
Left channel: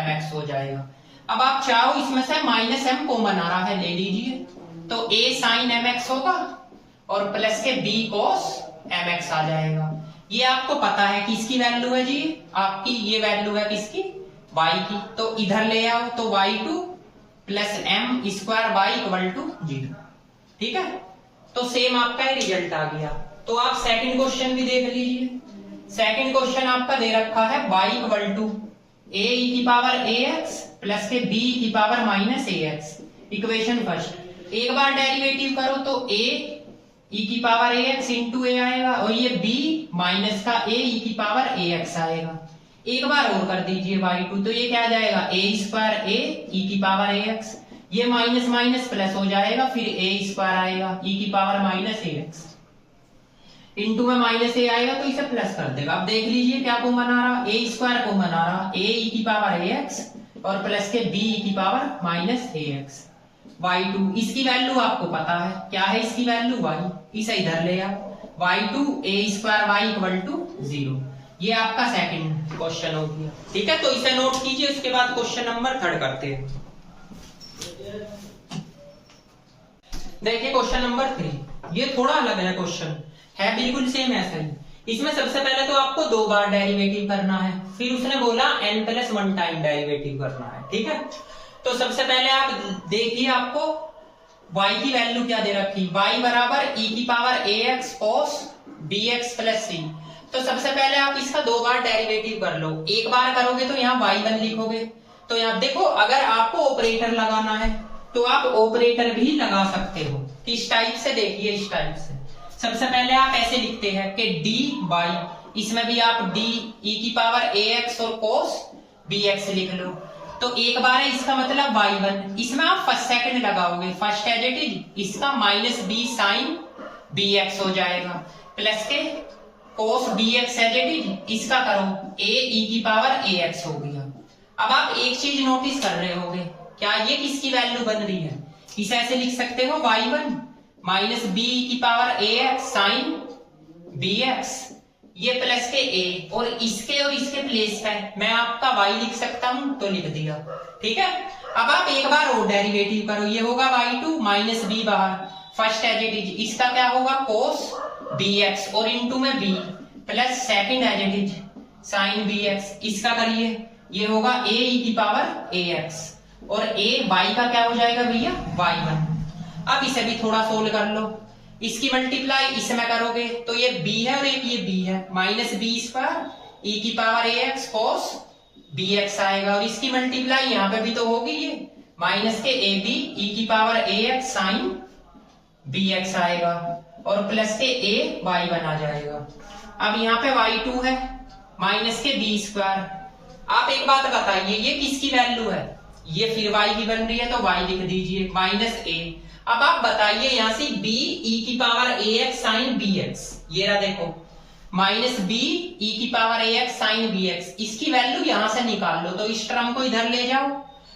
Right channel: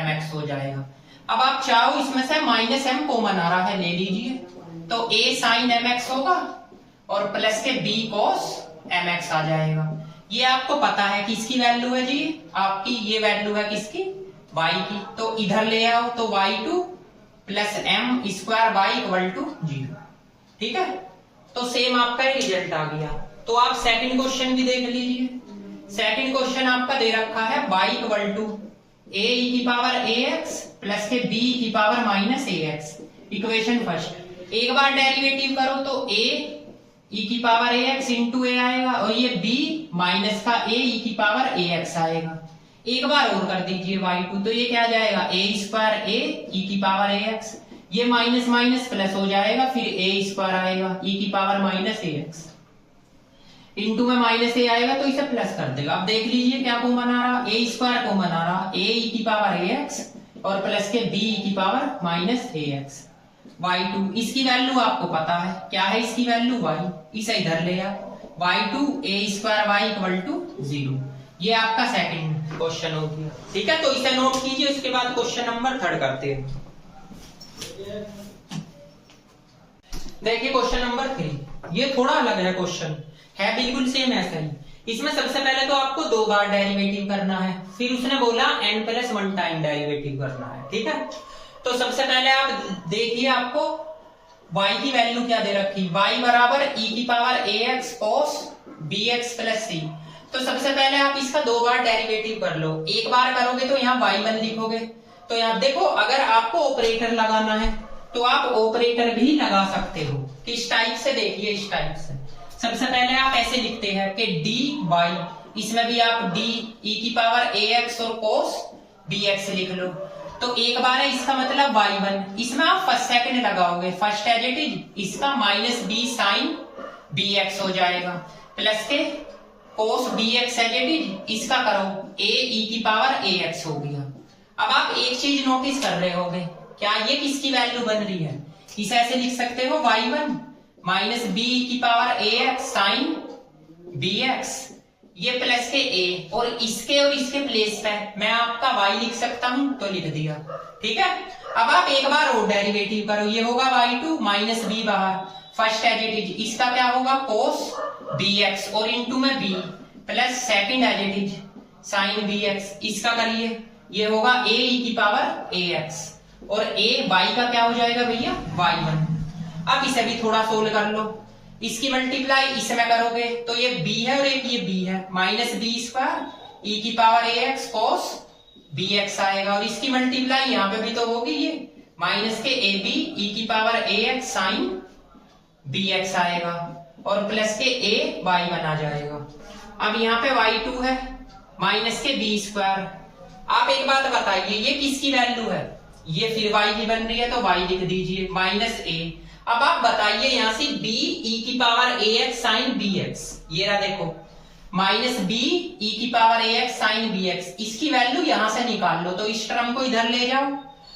mx हो जाएगा। अब आप चाहो इसमें से माइनस m कॉमन आ रहा है, ले लीजिए, तो a sin mx होगा और प्लस के b cos mx आ जाएगा। ये आपको पता है किसकी वैल्यू है जी, आपकी ये वैल्यू है किसकी y की, तो इधर ले आओ, तो y2 plus m square y equal to 0, ठीक है। तो सेम आपका रिजल्ट आ गया। तो आप सेकंड क्वेश्चन भी देख लीजिए, सेकंड क्वेश्चन आपका दे रखा है y equal to a e की पावर ax प्लस के b की power minus ax, equation first, एक बार डेरिवेटिव करो तो a e की पावर ax इंटू a आएगा और ये b माइनस का a e की पावर ax आएगा, एक बार और कर दीजिए y2, तो ये क्या आ जाएगा a स्क्वायर a e की पावर ax, ये माइनस माइनस प्लस हो जाएगा, फिर a स्क्वायर आएगा e की पावर माइनस ax, इंटू में माइनस ए आएगा तो इसे प्लस कर देगा। अब देख लीजिए क्या को बना रहा, ए स्क्वायर को बना रहा, ए ई की पावर ए एक्स और प्लस के बी की पावर माइनस ए एक्स, y2 इसकी वैल्यू आपको पता है, क्या है इसकी वैल्यू y, इसे इधर ले आओ, y2 a square y equal to 0, ये आपका सेकंड क्वेश्चन हो गया, ठीक है। तो इसे नोट कीजिए, उसके बाद क्वेश्चन नंबर 3 करते हैं। देखिए क्वेश्चन नंबर 3, ये थोड़ा अलग है क्वेश्चन, है बिल्कुल सेम ऐसा ही। इसमें सबसे पहले तो आपको 2 बार डेरिवेटिव करना है, फिर उसने बोला n+1 टाइम डेरिवेटिव करना है, ठीक है। तो सबसे पहले आप देखिए, आपको y की वैल्यू क्या दे रखी, y बराबर e⁻ax cos bx + c। तो सबसे पहले आप इसका 2 बार डेरिवेटिव कर लो। एक बार करोगे तो यहाँ y1 लिखोगे। तो यहाँ देखो, अगर आपको ऑपरेटर लगाना है तो आप ऑपरेटर भी लगा सकते हो। इस टाइप से देखिए, इस टाइप से सबसे पहले आप ऐसे लिखते हैं कि dy, इसमें भी आप d e⁻ax और cos bx लिख लो। तो एक बार है, इसका मतलब y1, इसमें आप फर्स्ट सेकंड लगाओगे, फर्स्ट एज इट इज, इसका -b sin bx हो जाएगा, प्लस के cos bx as it is, इसका करो a e⁻ax हो गया। अब आप एक चीज नोटिस कर रहे होगे, क्या ये किसकी वैल्यू बन रही है, इसे ऐसे लिख सकते हो y1 -b e⁻ax sin bx, ये प्लस के a, और इसके प्लेस पे मैं आपका y लिख सकता हूं, तो लिख दिया, ठीक है। अब आप एक बार और डेरिवेटिव करो, ये होगा y2 -b बाहर, फर्स्ट एज इट इज, इसका क्या होगा cos bx, और इनटू में b, plus second as it is sin bx, इसका करिए, ये होगा a e⁻ax, और a y का क्या हो जाएगा भैया y1। अब इसे भी थोड़ा सोल्व कर लो, इसकी मल्टीप्लाई इसमें करोगे तो ये b है और एक ये b है, -b² e⁻ax cos bx आएगा, और इसकी मल्टीप्लाई यहाँ पे भी तो होगी, ये माइनस के ab e⁻ax sin bx आएगा, और प्लस के a y1 आ जाएगा। अब यहाँ पे y2 है माइनस के b²। आप एक बात बताइए, ये किसकी वैल्यू है, ये फिर y की बन रही है, तो y लिख दीजिए -a। अब आप बताइए यहाँ से b e⁻ax sin bx, ये रहा देखो, -b e⁻ax sin bx, इसकी वैल्यू यहां से निकाल लो, तो इस टर्म को इधर ले जाओ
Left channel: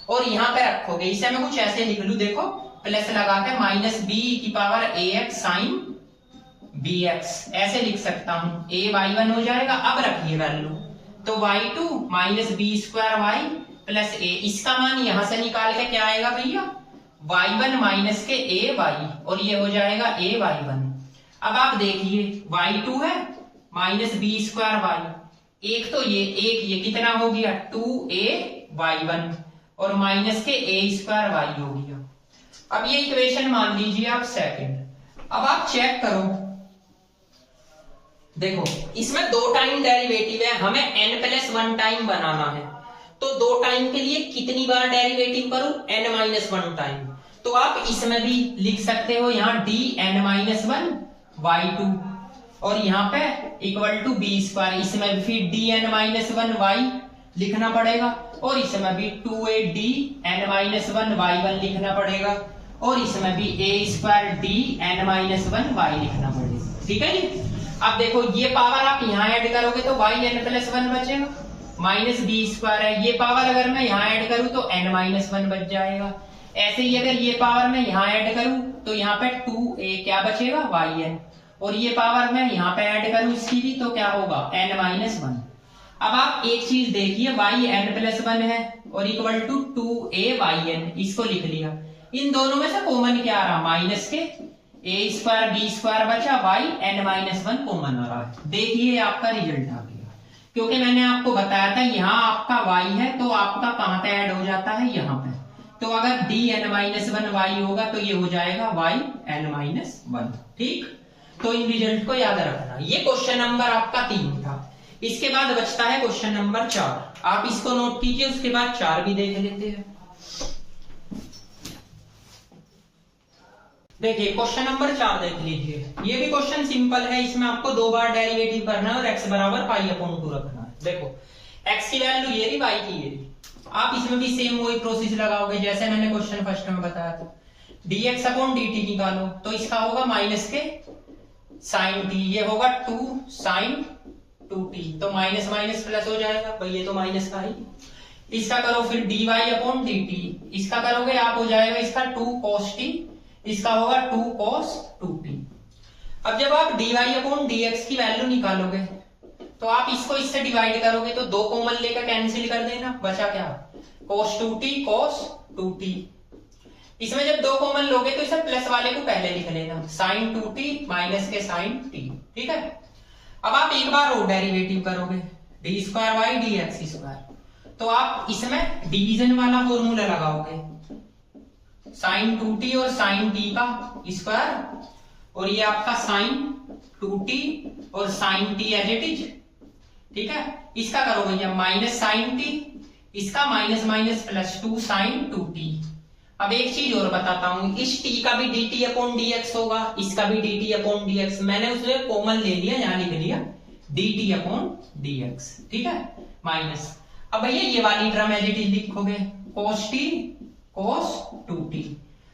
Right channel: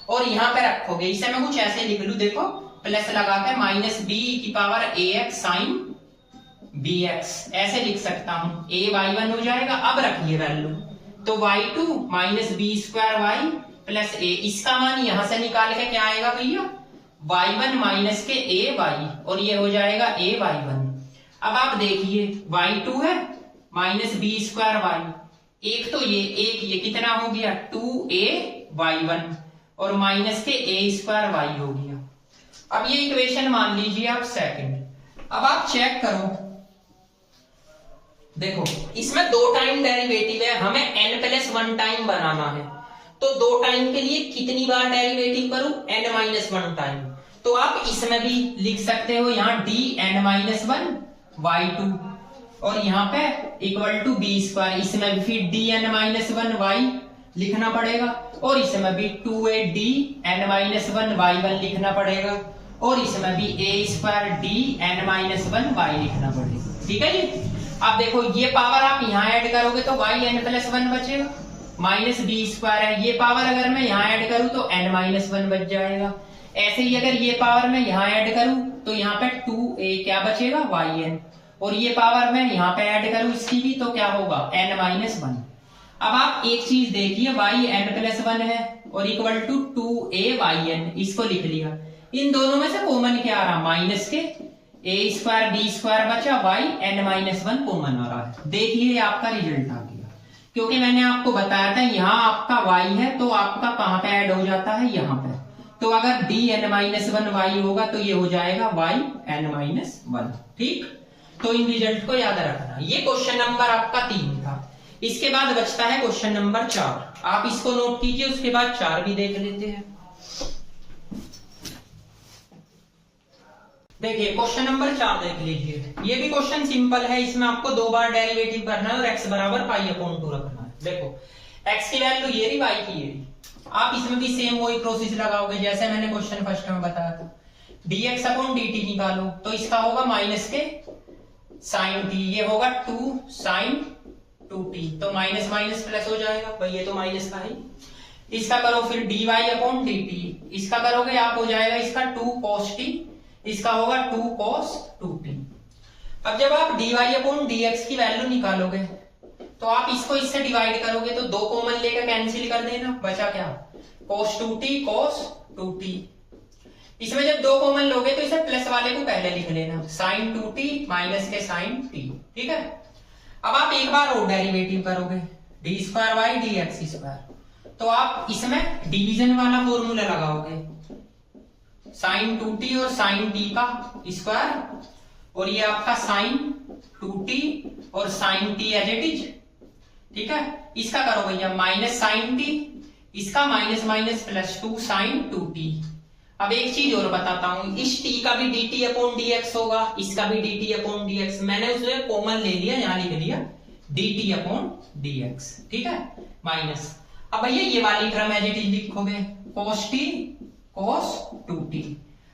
और यहाँ पे रखोगे। इसे मैं कुछ ऐसे लिख लू, देखो प्लस लगा के -b e⁻ax sin bx, ऐसे लिख सकता हूं, a y1 हो जाएगा। अब रखिए वैल्यू, तो y2 -b² y plus a, इसका मान यहां से निकाल के क्या आएगा भैया y1 माइनस के a y, और ये हो जाएगा a y1। अब आप देखिए y2 है -b² y, एक तो ये कितना हो गया 2a y1, और माइनस के a² y हो गया। अब ये इक्वेशन मान लीजिए आप सेकंड। अब आप चेक करो, देखो इसमें 2 टाइम डेरिवेटिव है, हमें n+1 टाइम बनाना है, तो 2 टाइम के लिए कितनी बार डेरिवेटिव करूं, n-1 टाइम। तो आप इसमें भी लिख सकते हो, यहाँ dn-1 y2, और यहाँ पे इक्वल टू b², इसमें भी फिर dn-1 y लिखना पड़ेगा, और इसमें भी 2a dn-1 y1 लिखना पड़ेगा, और इसमें भी a² dn-1 y लिखना पड़ेगा, ठीक है जी। अब देखो ये पावर आप यहाँ ऐड करोगे तो yn+1 बचेगा, -b² है, ये पावर अगर मैं यहाँ ऐड करूं तो n-1 बच जाएगा। ऐसे ही अगर ये पावर मैं यहाँ ऐड करूं तो यहाँ पे 2a क्या बचेगा yn, और ये पावर मैं यहाँ पे ऐड करूं इसकी भी, तो क्या होगा n-1। अब आप एक चीज देखिए, yn+1 है और इक्वल टू 2a yn, इसको लिख लिया। इन दोनों में से कॉमन क्या आ रहा, माइनस के a² b² बचा, y n-1 कॉमन आ रहा है। देखिए आपका रिजल्ट आ गया, क्योंकि मैंने आपको बताया था यहाँ आपका y है, तो आपका कहाँ पे ऐड हो जाता है, यहाँ पे। तो अगर dn-1 y होगा तो ये हो जाएगा y n-1, ठीक। तो इन रिजल्ट को याद रखना। ये क्वेश्चन नंबर आपका 3 था। इसके बाद बचता है क्वेश्चन नंबर 4, आप इसको नोट कीजिए, उसके बाद 4 भी देख लेते हैं। देखिए क्वेश्चन नंबर 4 देख लीजिए, ये भी क्वेश्चन सिंपल है, इसमें आपको 2 बार डेरिवेटिव करना है और x बराबर π/2 रखना है। देखो x की वैल्यू ये रही, y की ये रही, आप इसमें भी सेम वही प्रोसेस लगाओगे जैसे मैंने क्वेश्चन फर्स्ट में बताया था। dx/dt निकालो, तो इसका होगा माइनस के sin t, ये होगा 2 sin 2t, तो माइनस माइनस प्लस हो जाएगा भाई, ये तो माइनस का ही। इसका करो फिर dy/dt, इसका करोगे आप हो जाएगा इसका 2 cos t, इसका होगा 2 cos 2t। अब जब आप dy/dx की वैल्यू निकालोगे तो आप इसको इससे डिवाइड करोगे, तो 2 कॉमन लेकर कैंसिल कर देना, बचा क्या cos 2t cos 2t। इसमें जब 2 कॉमन लोगे तो इसे प्लस वाले को पहले लिख लेना, sin 2t माइनस के sin t, ठीक है। अब आप एक बार और डेरिवेटिव करोगे D square by D x square, तो आप इसमें डिवीजन वाला फॉर्मूला लगाओगे, साइन 2t और साइन t का स्क्वायर, और ये आपका साइन 2t और sine t as it is, ठीक है। इसका करो भैया माइनस साइन t, इसका minus minus plus 2 sine 2t। अब एक चीज और बताता हूं, इस t का भी dt अपॉन dx होगा, इसका भी dt अपॉन dx, मैंने उसे कॉमन ले लिया, यहां लिख लिया dt अपॉन dx, ठीक है, माइनस। अब भैया ये वाली टर्म एज इट इज लिखोगे cos t cos 2t।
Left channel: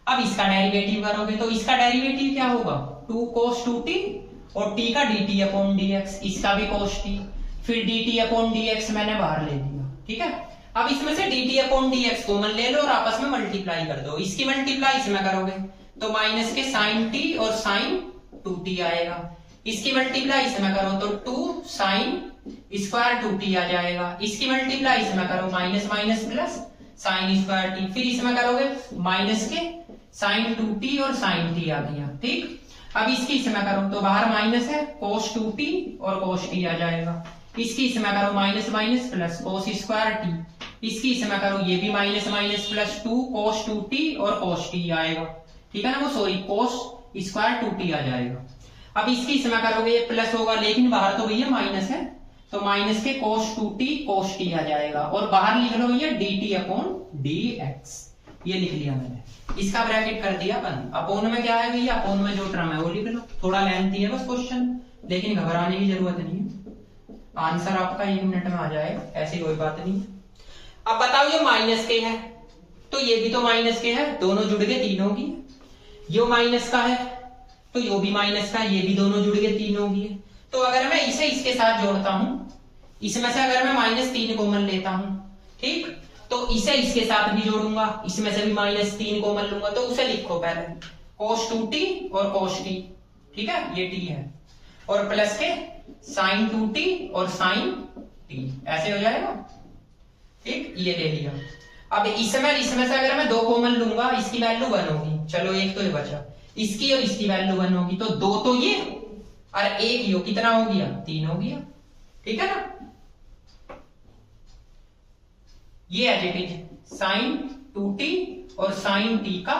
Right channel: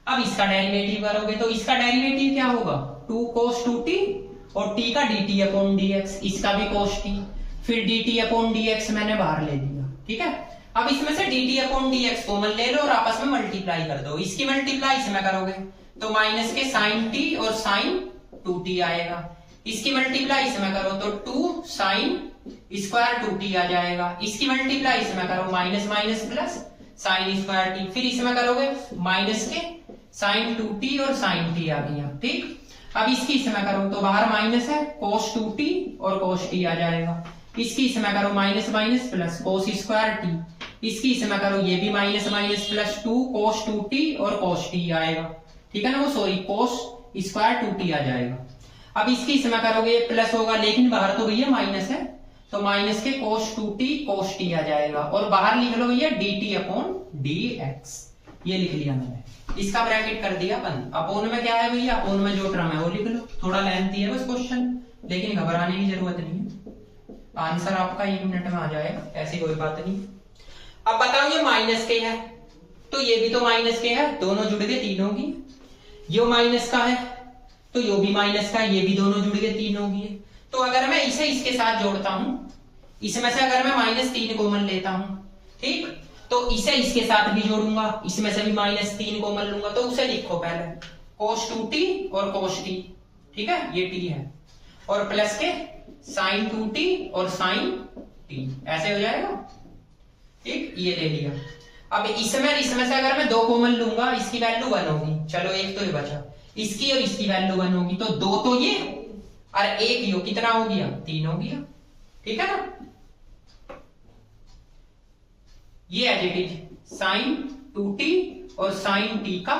अब इसका डेरिवेटिव करोगे तो इसका डेरिवेटिव क्या होगा 2 cos 2t और t का dt अपॉन dx, इसका भी cos t, फिर dt अपॉन dx मैंने बाहर ले लिया, ठीक है। अब इसमें से dt अपॉन dx कॉमन ले लो और आपस में मल्टीप्लाई कर दो, इसकी मल्टीप्लाई इसमें करोगे तो माइनस के साइन t और साइन 2t आएगा, इसकी मल्टीप्लाई इसमें करो तो 2 साइन स्क्वायर 2t आ जाएगा, इसकी मल्टीप्लाई इसमें करो minus minus plus sine square t, फिर इसमें करोगे माइनस के साइन 2t और साइन t आ गया, ठीक। अब इसकी इसमें करो तो बाहर माइनस है cos 2t और cos t आ जाएगा, इसकी इसमें करो minus minus plus cos square t, इसकी इसमें करो ये भी minus minus plus 2 cos 2t और cos t आएगा, ठीक है ना, वो सॉरी cos स्क्वायर 2t आ जाएगा। अब इसकी इसमें करोगे ये प्लस होगा, लेकिन बाहर तो भैया माइनस है, तो माइनस के cos 2t cos t आ जाएगा, और बाहर लिख लो भैया dt अपॉन dx, ये लिख लिया मैंने, इसका ब्रैकेट कर दिया बंद। अपोन में क्या है भैया, अपोन में जो टर्म है वो लिख लो, थोड़ा लेंथी है बस क्वेश्चन, लेकिन घबराने की जरूरत नहीं है, आंसर आपका 1 मिनट में आ जाएगा, ऐसी कोई बात नहीं। अब बताओ ये माइनस के है तो ये भी तो माइनस के है, दोनों जुड़ गए तीनों की, यो माइनस का है तो यो भी माइनस का, ये भी दोनों जुड़ गए तीनों की। तो अगर मैं इसे इसके साथ जोड़ता हूं, इसमें से अगर मैं -3 कॉमन लेता हूं, ठीक, तो इसे इसके साथ भी जोड़ूंगा, इसमें से भी -3 कॉमन लूंगा, तो उसे लिखो पहले cos 2t और cos t, ठीक है, ये t है, और प्लस के sin 2t और sin t, ऐसे हो जाएगा, ठीक, ये ले लिया। अब इसमें से अगर मैं 2 कॉमन लूंगा, इसकी वैल्यू 1 होगी, चलो एक तो ये बचा, इसकी और इसकी वैल्यू 1 होगी, तो 2 तो ये और 1 यो, कितना हो गया 3 हो गया, ठीक है ना। ये as it is sin 2t और sin t का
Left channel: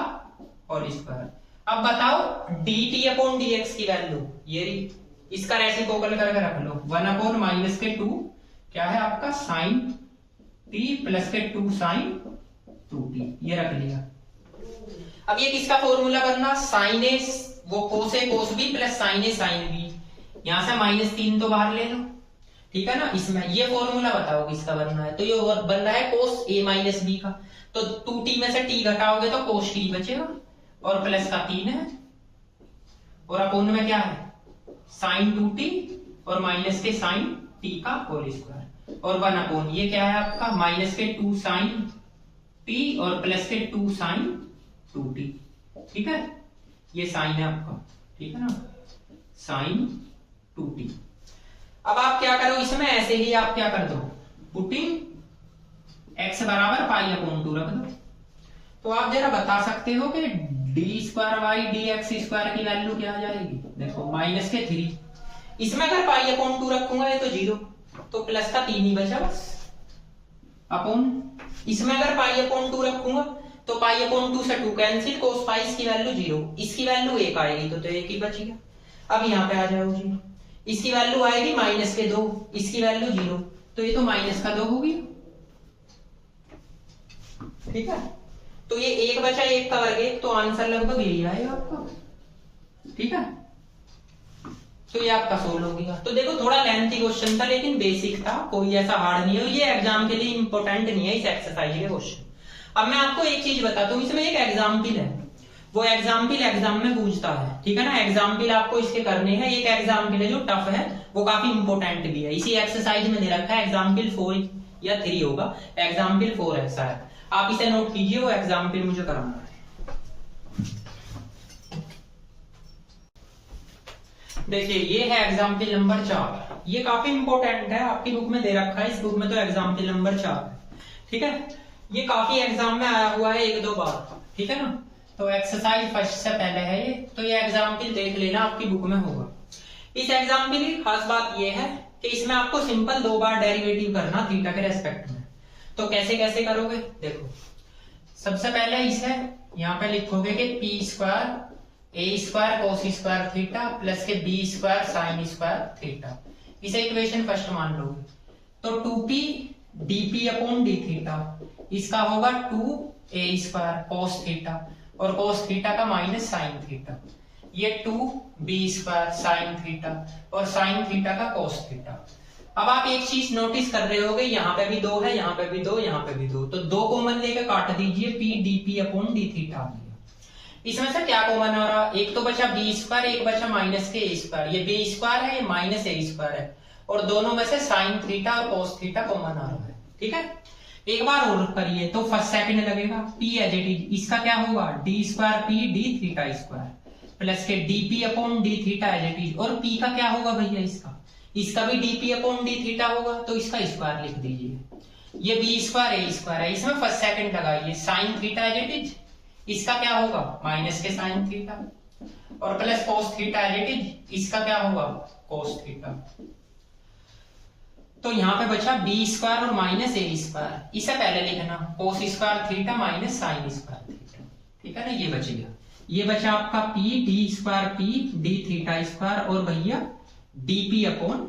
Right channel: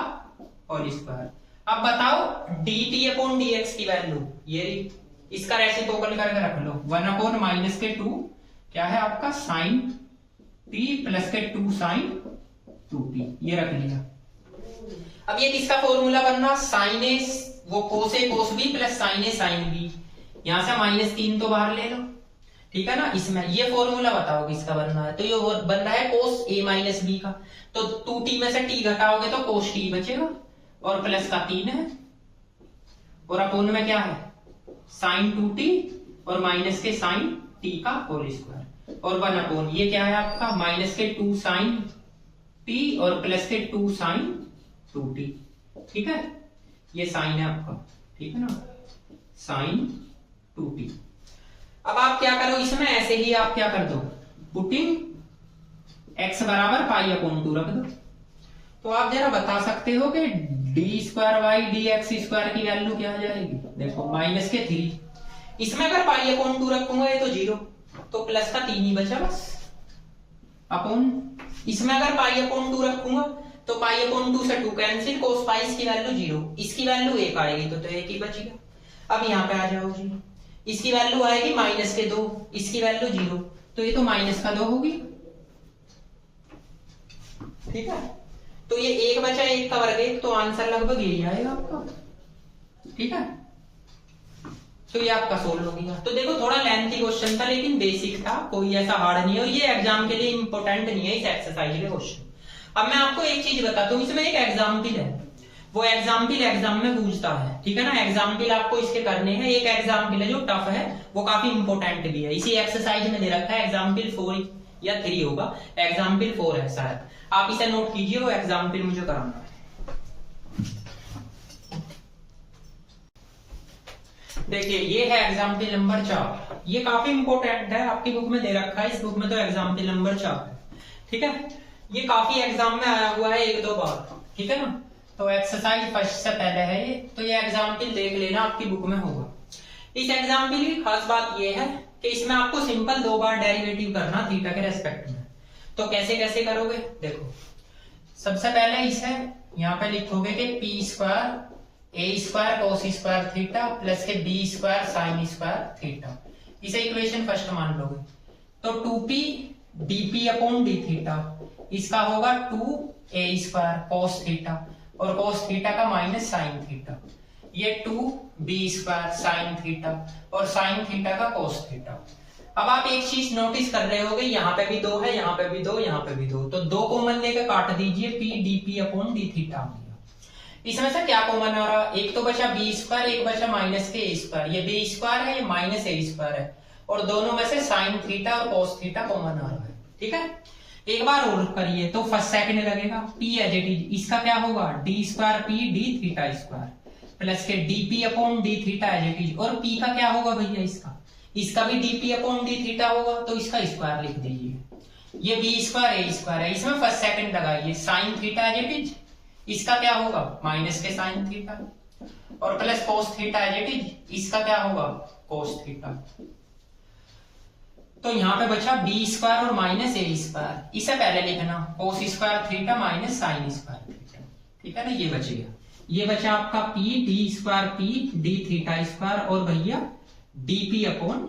और स्क्वायर। अब बताओ dt अपॉन dx की वैल्यू, ये इसका रेसिप्रोकल करके रख लो, 1 अपॉन माइनस के 2 क्या है आपका sin t प्लस के 2 sin 2t, ये रख लिया। अब ये किसका फॉर्मूला करना, sin a वो cos a cos b plus sin a sin b, यहां से -3 तो बाहर ले लो, ठीक है ना। इसमें ये फॉर्मूला बताओ किसका बनना है, तो ये बन रहा है cos a माइनस b का, तो 2t में से t घटाओगे तो cos t बचेगा, और प्लस का 3 है, और अपोन में क्या है sin 2t और माइनस के sin t का होल स्क्वायर, और 1 अपोन ये क्या है आपका माइनस के 2 sin t और प्लस के 2 sin 2t, ठीक है, ये साइन है आपका, ठीक है ना, sin 2t। अब आप क्या करो, इसमें ऐसे ही आप क्या कर दो, पुटिंग x बराबर पाई अपॉन 2 रख दो, तो आप जरा बता सकते हो कि D square by D x square की वैल्यू क्या आ जाएगी, देखो माइनस के 3, इसमें अगर पाई अपॉन 2 रखूंगा ये तो 0, तो प्लस का 3 ही बचा बस, अपॉन इसमें अगर पाई अपॉन 2 रखूंगा तो पाई अपॉन 2 से 2 कैंसिल, कोस पाई इसकी वैल्यू 0, इसकी वैल्यू 1 आएगी, तो 1 ही बचेगा। अब यहाँ पे आ जाओ जी, इसकी वैल्यू आएगी माइनस के 2, इसकी वैल्यू 0, तो ये तो माइनस का 2 होगी, ठीक है, तो ये 1 बचा 1 का वर्ग 1, तो आंसर लगभग यही आएगा आपका, ठीक है, तो ये आपका सोल्व हो गया। तो देखो थोड़ा लेंथी क्वेश्चन था लेकिन बेसिक था, कोई ऐसा हार्ड नहीं है, और ये एग्जाम के लिए इंपॉर्टेंट नहीं है इस एक्सरसाइज के क्वेश्चन। अब मैं आपको एक चीज बताता हूँ, इसमें एक एग्जाम्पल है, वो एग्जाम्पल एग्जाम में पूछता है, ठीक है ना, एग्जाम्पल आपको इसके करने हैं, एक एग्जाम्पल है जो टफ है, वो काफी इंपॉर्टेंट भी है, इसी एक्सरसाइज में दे रखा है, एग्जाम्पल 4 या 3 होगा, एग्जाम्पल 4 है शायद, आप इसे नोट कीजिए, वो एग्जाम्पल मुझे कराना है। देखिए ये है एग्जाम्पल नंबर 4, ये काफी इंपॉर्टेंट है, आपकी बुक में दे रखा है, इस बुक में तो एग्जाम्पल नंबर 4 है, ठीक है, ये काफी एग्जाम में आया हुआ है 1-2 बार, ठीक है ना। तो एक्सरसाइज फर्स्ट से पहले है ये, तो ये एग्जाम्पल देख लेना, आपकी बुक में होगा। इस एग्जाम्पल की खास बात यह है कि इसमें आपको सिंपल 2 बार डेरिवेटिव करना थीटा के रेस्पेक्ट में। तो कैसे कैसे करोगे, देखो सबसे पहले इसे यहाँ पे लिखोगे कि P square A square cos square theta plus के B square sine square theta, इसे इक्वेशन फर्स्ट मान लोगे। तो 2p dp upon D theta, इसका होगा 2a स्क्वायर कोस थीटा और कोस थीटा का माइनस साइन थीटा, ये 2b स्क्वायर साइन थीटा और साइन थीटा का कोस थीटा। अब आप एक चीज नोटिस कर रहे होगे, यहाँ पे भी 2 है, यहाँ पे भी 2, यहाँ पे भी 2, तो 2 कॉमन लेकर काट दीजिए, p dp upon D theta आ गया। इसमें से क्या कॉमन आ रहा, एक तो बचा b स्क्वायर, एक बचा माइनस के a स्क्वायर, ये b स्क्वायर है, ये माइनस a स्क्वायर है, और दोनों में से साइन थीटा और कोस थीटा कॉमन आ रहा है। ठीक है, एक बार और करिए तो फर्स्ट सेकंड लगेगा, p एज इट इज, इसका क्या होगा d square p d theta square plus के dp upon d theta as it is, और p का क्या होगा भैया, इसका भी dp अपॉन d थीटा होगा, तो इसका स्क्वायर लिख दीजिए। ये b स्क्वायर a स्क्वायर है, इसमें फर्स्ट सेकंड लगाइए, sine theta as it is, इसका क्या होगा माइनस के साइन थीटा और plus cos theta as it is, इसका क्या होगा कोस थीटा। तो यहाँ पे बचा b स्क्वायर और माइनस a स्क्वायर, इसे पहले लिखना कोस square theta minus sign square theta. ठीक है ना, ये बच गया, ये बचा आपका p d square p d theta square और भैया dp अपॉन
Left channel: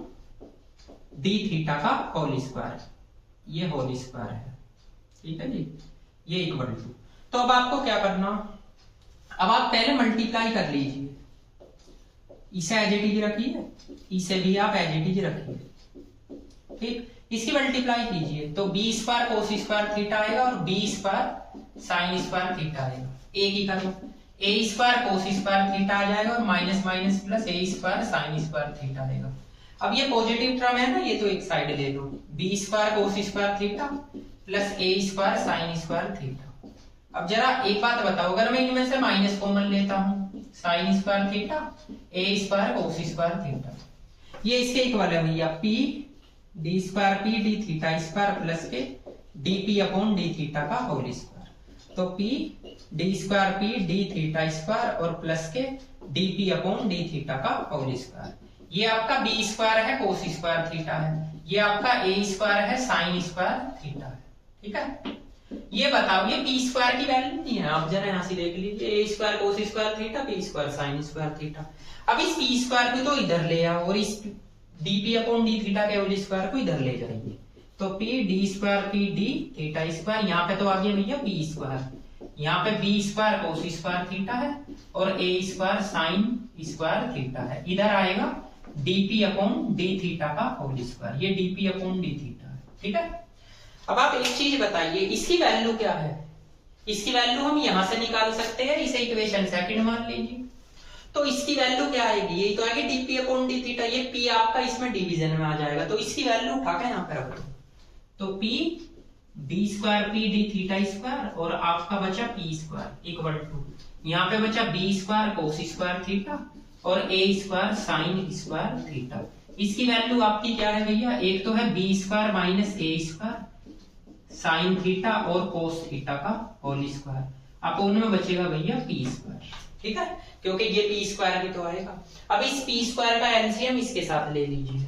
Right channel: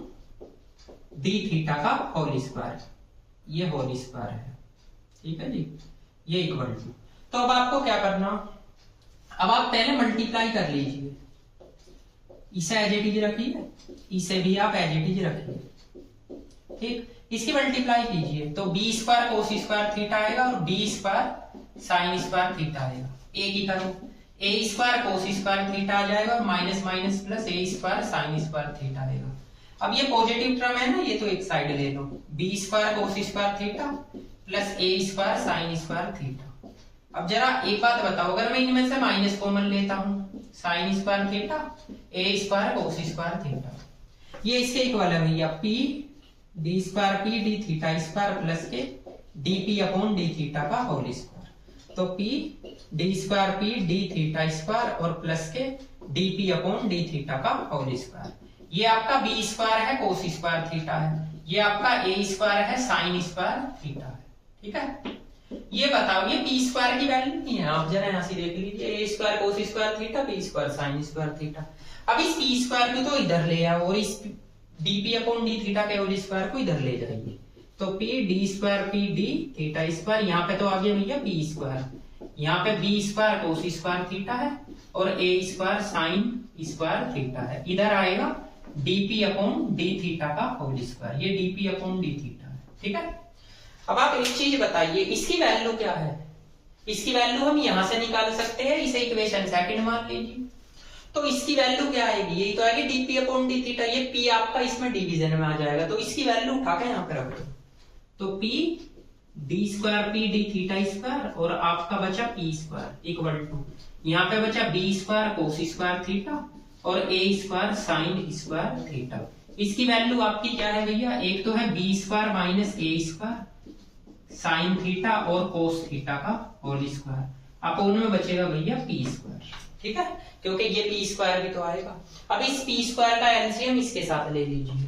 d थीटा का होल स्क्वायर, ये होल स्क्वायर है। ठीक है जी, ये इक्वल टू, तो अब आपको क्या करना, अब आप पहले मल्टीप्लाई कर लीजिए, इसे एज इट इज रखिए, इसे भी आप एज इट इज रखिए। ठीक, इसकी मल्टीप्लाई कीजिए तो b square cos square theta आएगा और b square sine square theta आएगा। एक ही करो, a square cos square theta आ जाएगा और minus minus plus a square sine square theta आएगा। अब ये पॉजिटिव टर्म है ना, ये तो एक साइड ले लो, b square cos square theta plus a square sine square theta. अब जरा एक बात बताओ, अगर मैं इनमें से माइनस कॉमन लेता हूं, sign square theta a square cos square theta, ये इसके इक्वल है भैया p d square p d theta square plus के dp अपॉन d थीटा का होल स्क्वायर। तो p d square p d theta square और प्लस के dp अपॉन d थीटा का होल स्क्वायर। ये आपका b स्क्वायर है कोस स्क्वायर थीटा है, ये आपका a स्क्वायर है साइन स्क्वायर थीटा है। ठीक है, ये बताओ ये p स्क्वायर की वैल्यू नहीं है, आप जरा यहां से देख लीजिए, a square cos square theta p square sine square theta. अब इस p स्क्वायर को तो इधर ले आओ और इस dp अपॉन d थीटा के होल स्क्वायर को इधर ले जाइए, तो p d square p d theta square, यहाँ पे तो आ गया भैया p स्क्वायर, यहाँ पे b square cos square theta है और a square sine square theta है, इधर आएगा dp अपॉन d थीटा का होल स्क्वायर, ये dp अपॉन d थीटा है। ठीक है, अब आप एक चीज बताइए, इसकी वैल्यू क्या है, इसकी वैल्यू हम यहां से निकाल सकते हैं, इसे इक्वेशन सेकंड मान लीजिए, तो इसकी वैल्यू क्या आएगी, ये तो आएगी dp अपॉन d थीटा, ये p आपका इसमें डिवीजन में आ जाएगा, तो इसकी वैल्यू उठा के यहाँ पे रख दो, तो p d square p d theta square और आपका बचा p स्क्वायर इक्वल टू, यहाँ पे बचा b square cos square theta और a square sine square theta. इसकी वैल्यू आपकी क्या है भैया, एक तो है b square minus a square sign theta और कोस थीटा का होल स्क्वायर, अपोन में बचेगा भैया p स्क्वायर। ठीक है, क्योंकि ये p स्क्वायर भी तो आएगा। अब इस p स्क्वायर का एलसीएम इसके साथ ले लीजिए,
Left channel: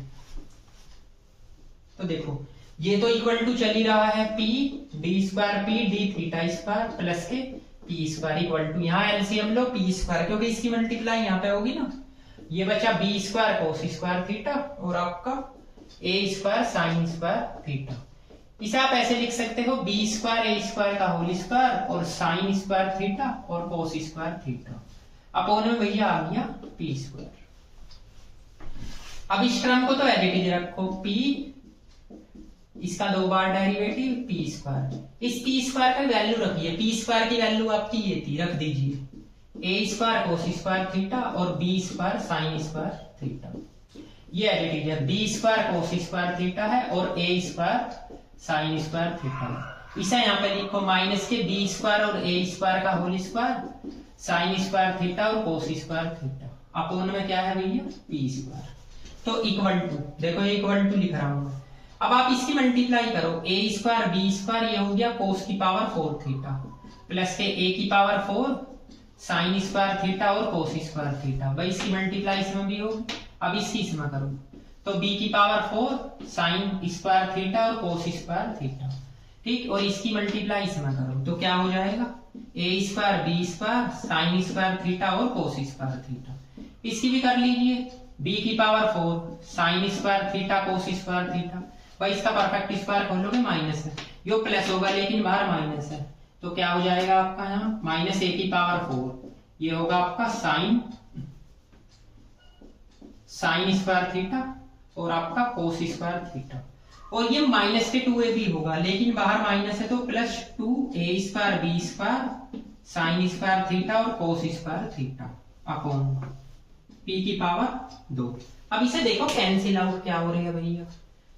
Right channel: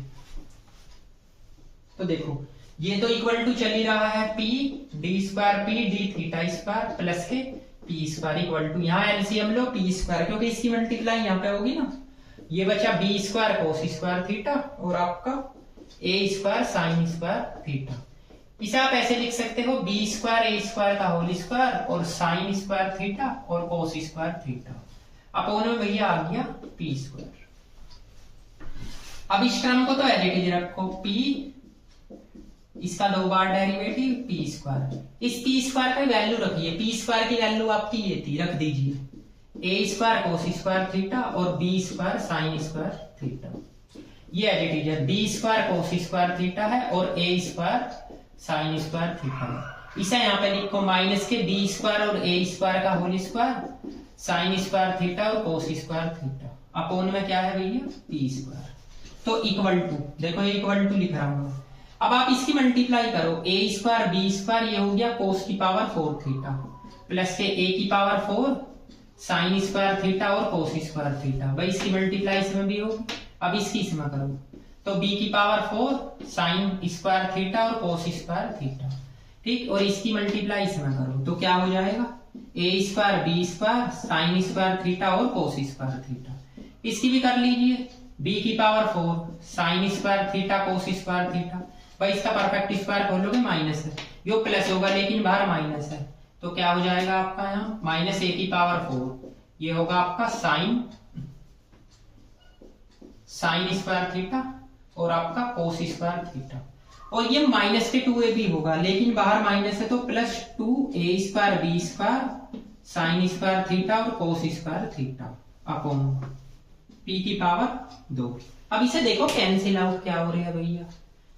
तो देखो ये तो इक्वल टू चल ही रहा है p d square p d theta square plus के p स्क्वायर इक्वल टू, यहाँ एलसीएम लो p स्क्वायर, क्योंकि इसकी मल्टीप्लाई यहाँ पे होगी ना, ये बचा b square cos square theta और आपका a square sine square theta. इसे आप ऐसे लिख सकते हो b स्क्वायर a स्क्वायर का होल स्क्वायर और साइन स्क्वायर थीटा और कोस स्क्वायर थीटा, अपोन में भैया आ गया p स्क्वायर। अब इस टर्म को तो एज इट इज रखो, p इसका 2 बार डेरिवेटिव p स्क्वायर, इस p स्क्वायर का वैल्यू रखिए, p स्क्वायर की वैल्यू आपकी ये थी, रख दीजिए a square cos square theta और b square sine square theta, ये एज इट इज है, b square cos square theta है और a square sine square theta. इसे यहाँ पे लिखो माइनस के b स्क्वायर और a स्क्वायर का whole square sine square theta और कोस स्क्वायर थीटा, अपोन में क्या है भैया p स्क्वायर। तो इक्वल टू, देखो ये इक्वल टू लिख रहा हूं। अब आप इसकी मल्टीप्लाई करो, a स्क्वायर b स्क्वायर, ये हो गया कोस की पावर 4 थीटा प्लस के a की पावर 4 साइन स्क्वायर थीटा और कोस स्क्वायर थीटा, भाई इसकी मल्टीप्लाई इसमें भी होगी, अब इसकी इसमें करो तो b की पावर 4 साइन स्क्वायर थीटा और कोस स्क्वायर थीटा, ठीक। और इसकी मल्टीप्लाई इसमें करो तो क्या हो जाएगा a square b square sine square theta और कोस स्क्वायर थीटा। इसकी भी कर लीजिए b की power 4 sign square theta cos square theta. भाई इसका परफेक्ट स्क्वायर खोलोगे माइनस है, यो प्लस होगा लेकिन बाहर माइनस है, तो क्या हो जाएगा आपका यहाँ माइनस a की पावर 4, ये होगा आपका साइन स्क्वायर थीटा और आपका कोस स्क्वायर थीटा। और ये माइनस के 2ab होगा लेकिन बाहर माइनस है तो plus 2a square b square sine square theta और cos square theta upon p की पावर 2। अब इसे देखो कैंसिल आउट क्या हो रहा है भैया,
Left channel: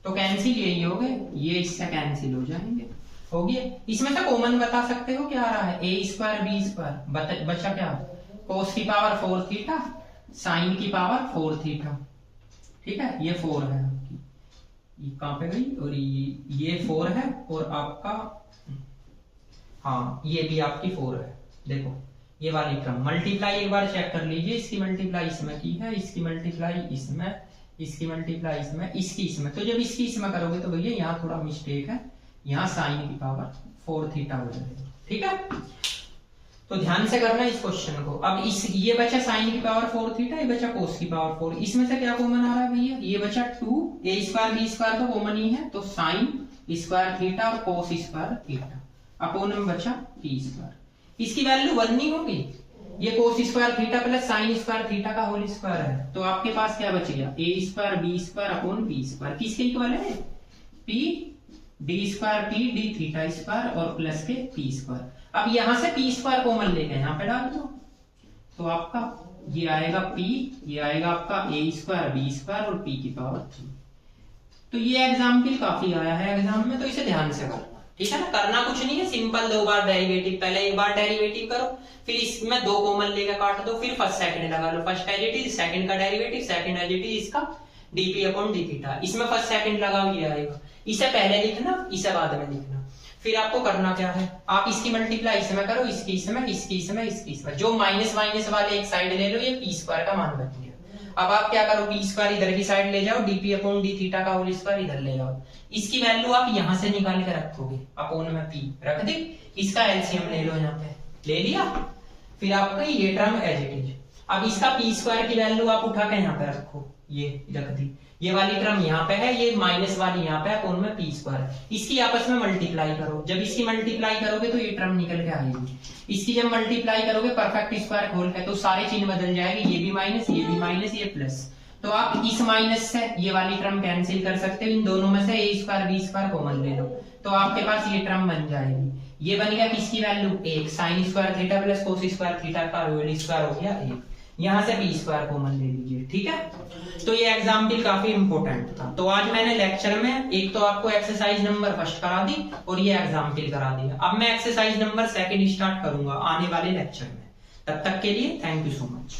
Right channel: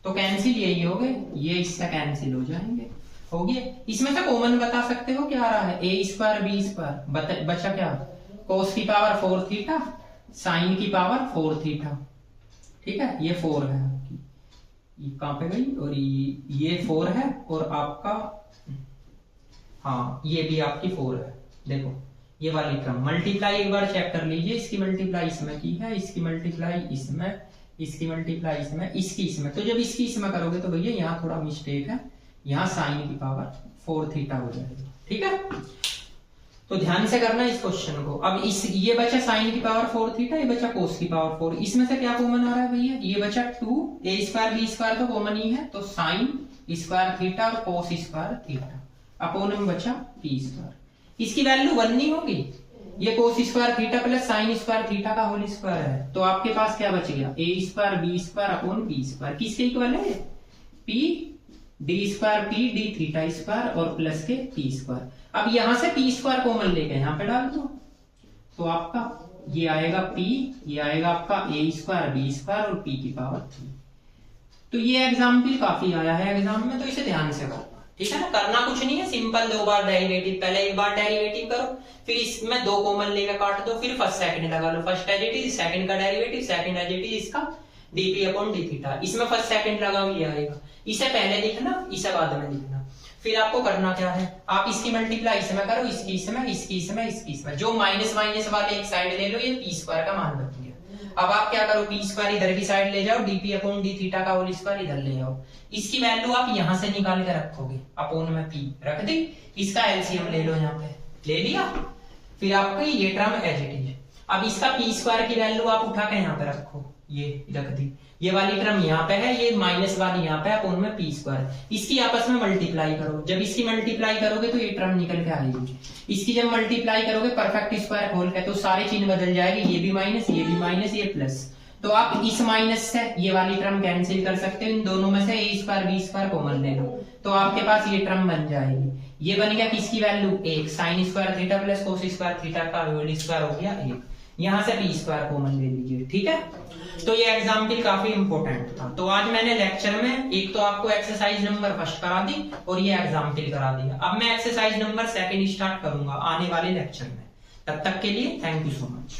तो कैंसिल यही हो गए, ये इससे कैंसिल हो जाएंगे, हो गया। इसमें से कॉमन बता सकते हो क्या आ रहा है a स्क्वायर b स्क्वायर, बचा क्या कोस की पावर 4 थीटा साइन की पावर 4 थीटा, ठीक है। ये 4 है आपकी, ये कहां पे गई, और ये 4 है और आपका हाँ ये भी आपकी 4 है। देखो ये वाली टर्म मल्टीप्लाई एक बार चेक कर लीजिए, इसकी मल्टीप्लाई इसमें की है, इसकी मल्टीप्लाई इसमें, इसकी मल्टीप्लाई इसमें, इसकी इसमें, तो जब इसकी इसमें करोगे तो भैया यहाँ थोड़ा मिस्टेक है, यहाँ साइन की पावर 4 थीटा हो जाएगा, ठीक है। तो ध्यान से करना इस क्वेश्चन को। अब इस ये बचा साइन की पावर 4 थीटा, ये बचा कोस की पावर 4, इसमें से क्या कॉमन आ रहा है भैया, ये बचा 2a स्क्वायर b स्क्वायर तो कॉमन ही है, तो साइन स्क्वायर थीटा और कोस स्क्वायर थीटा अपोन में बचा p स्क्वायर। इसकी वैल्यू 1 नहीं होगी, ये कोस square theta plus sign square theta का होल स्क्वायर है, तो आपके पास क्या बच गया a square b square upon p square, किसके इक्वल है p d square p d theta square और प्लस के p स्क्वायर। अब यहां से p स्क्वायर कॉमन लेके यहाँ पे डाल दो तो आपका ये आएगा p, ये आएगा आपका a स्क्वायर b स्क्वायर और p की पावर 3। तो ये एग्जाम्पल काफी आया है एग्जाम में, तो इसे ध्यान से करना, ठीक है ना। करना कुछ नहीं है, सिंपल 2 बार डेरिवेटिव, पहले एक बार डेरिवेटिव करो, फिर इसमें 2 कॉमन लेकर काट दो, फिर फर्स्ट सेकंड लगा लो, first as it is, second का derivative, second as it is इसका dp अपॉन d थीटा, इसमें फर्स्ट सेकंड लगा हुआ आएगा, इसे पहले लिखना इसे बाद में लिखना। फिर आपको करना क्या है, आप इसकी मल्टीप्लाई इसमें करो, इसकी इसमें, इसकी इसमें, इसकी इसमें, जो माइनस माइनस वाले एक साइड ले लो, ये p स्क्वायर का मान बन गया। अब आप क्या करो, p स्क्वायर इधर की साइड ले जाओ, dp अपॉन d थीटा का होल स्क्वायर इधर ले जाओ, इसकी वैल्यू आप यहां से निकाल के रखोगे, अपॉन में p रख दी, इसका एलसीएम ले लो, यहाँ पे ले लिया, फिर आपका ये टर्म एज इट इज। अब इसका p स्क्वायर की वैल्यू आप उठा के यहाँ पे रखो, ये रख दी, ये वाली टर्म यहाँ पे है, ये माइनस वाली यहाँ पे है, अपॉन में p स्क्वायर, इसकी आपस में मल्टीप्लाई करो, जब इसकी मल्टीप्लाई करोगे तो ये टर्म निकल के आएगी, इसकी जब मल्टीप्लाई करोगे परफेक्ट स्क्वायर खोल के तो सारे चिन्ह बदल जाएगी, ये भी माइनस, ये भी माइनस, ये प्लस, तो आप इस माइनस से ये वाली टर्म कैंसिल कर सकते हो, इन दोनों में से a square b square common ले लो, तो आपके पास ये टर्म बन जाएगी, ये बन गया किसकी value 1 sign square theta plus cos square theta का होल स्क्वायर हो गया 1, यहाँ से p स्क्वायर कॉमन ले लीजिए, ठीक है। तो ये एग्जाम्पल काफी इंपॉर्टेंट था। तो आज मैंने लेक्चर में एक तो आपको एक्सरसाइज नंबर फर्स्ट करा दी और ये एग्जाम्पल करा दिया, अब मैं एक्सरसाइज नंबर सेकंड स्टार्ट करूंगा आने वाले लेक्चर में। तब तक के लिए थैंक यू सो मच।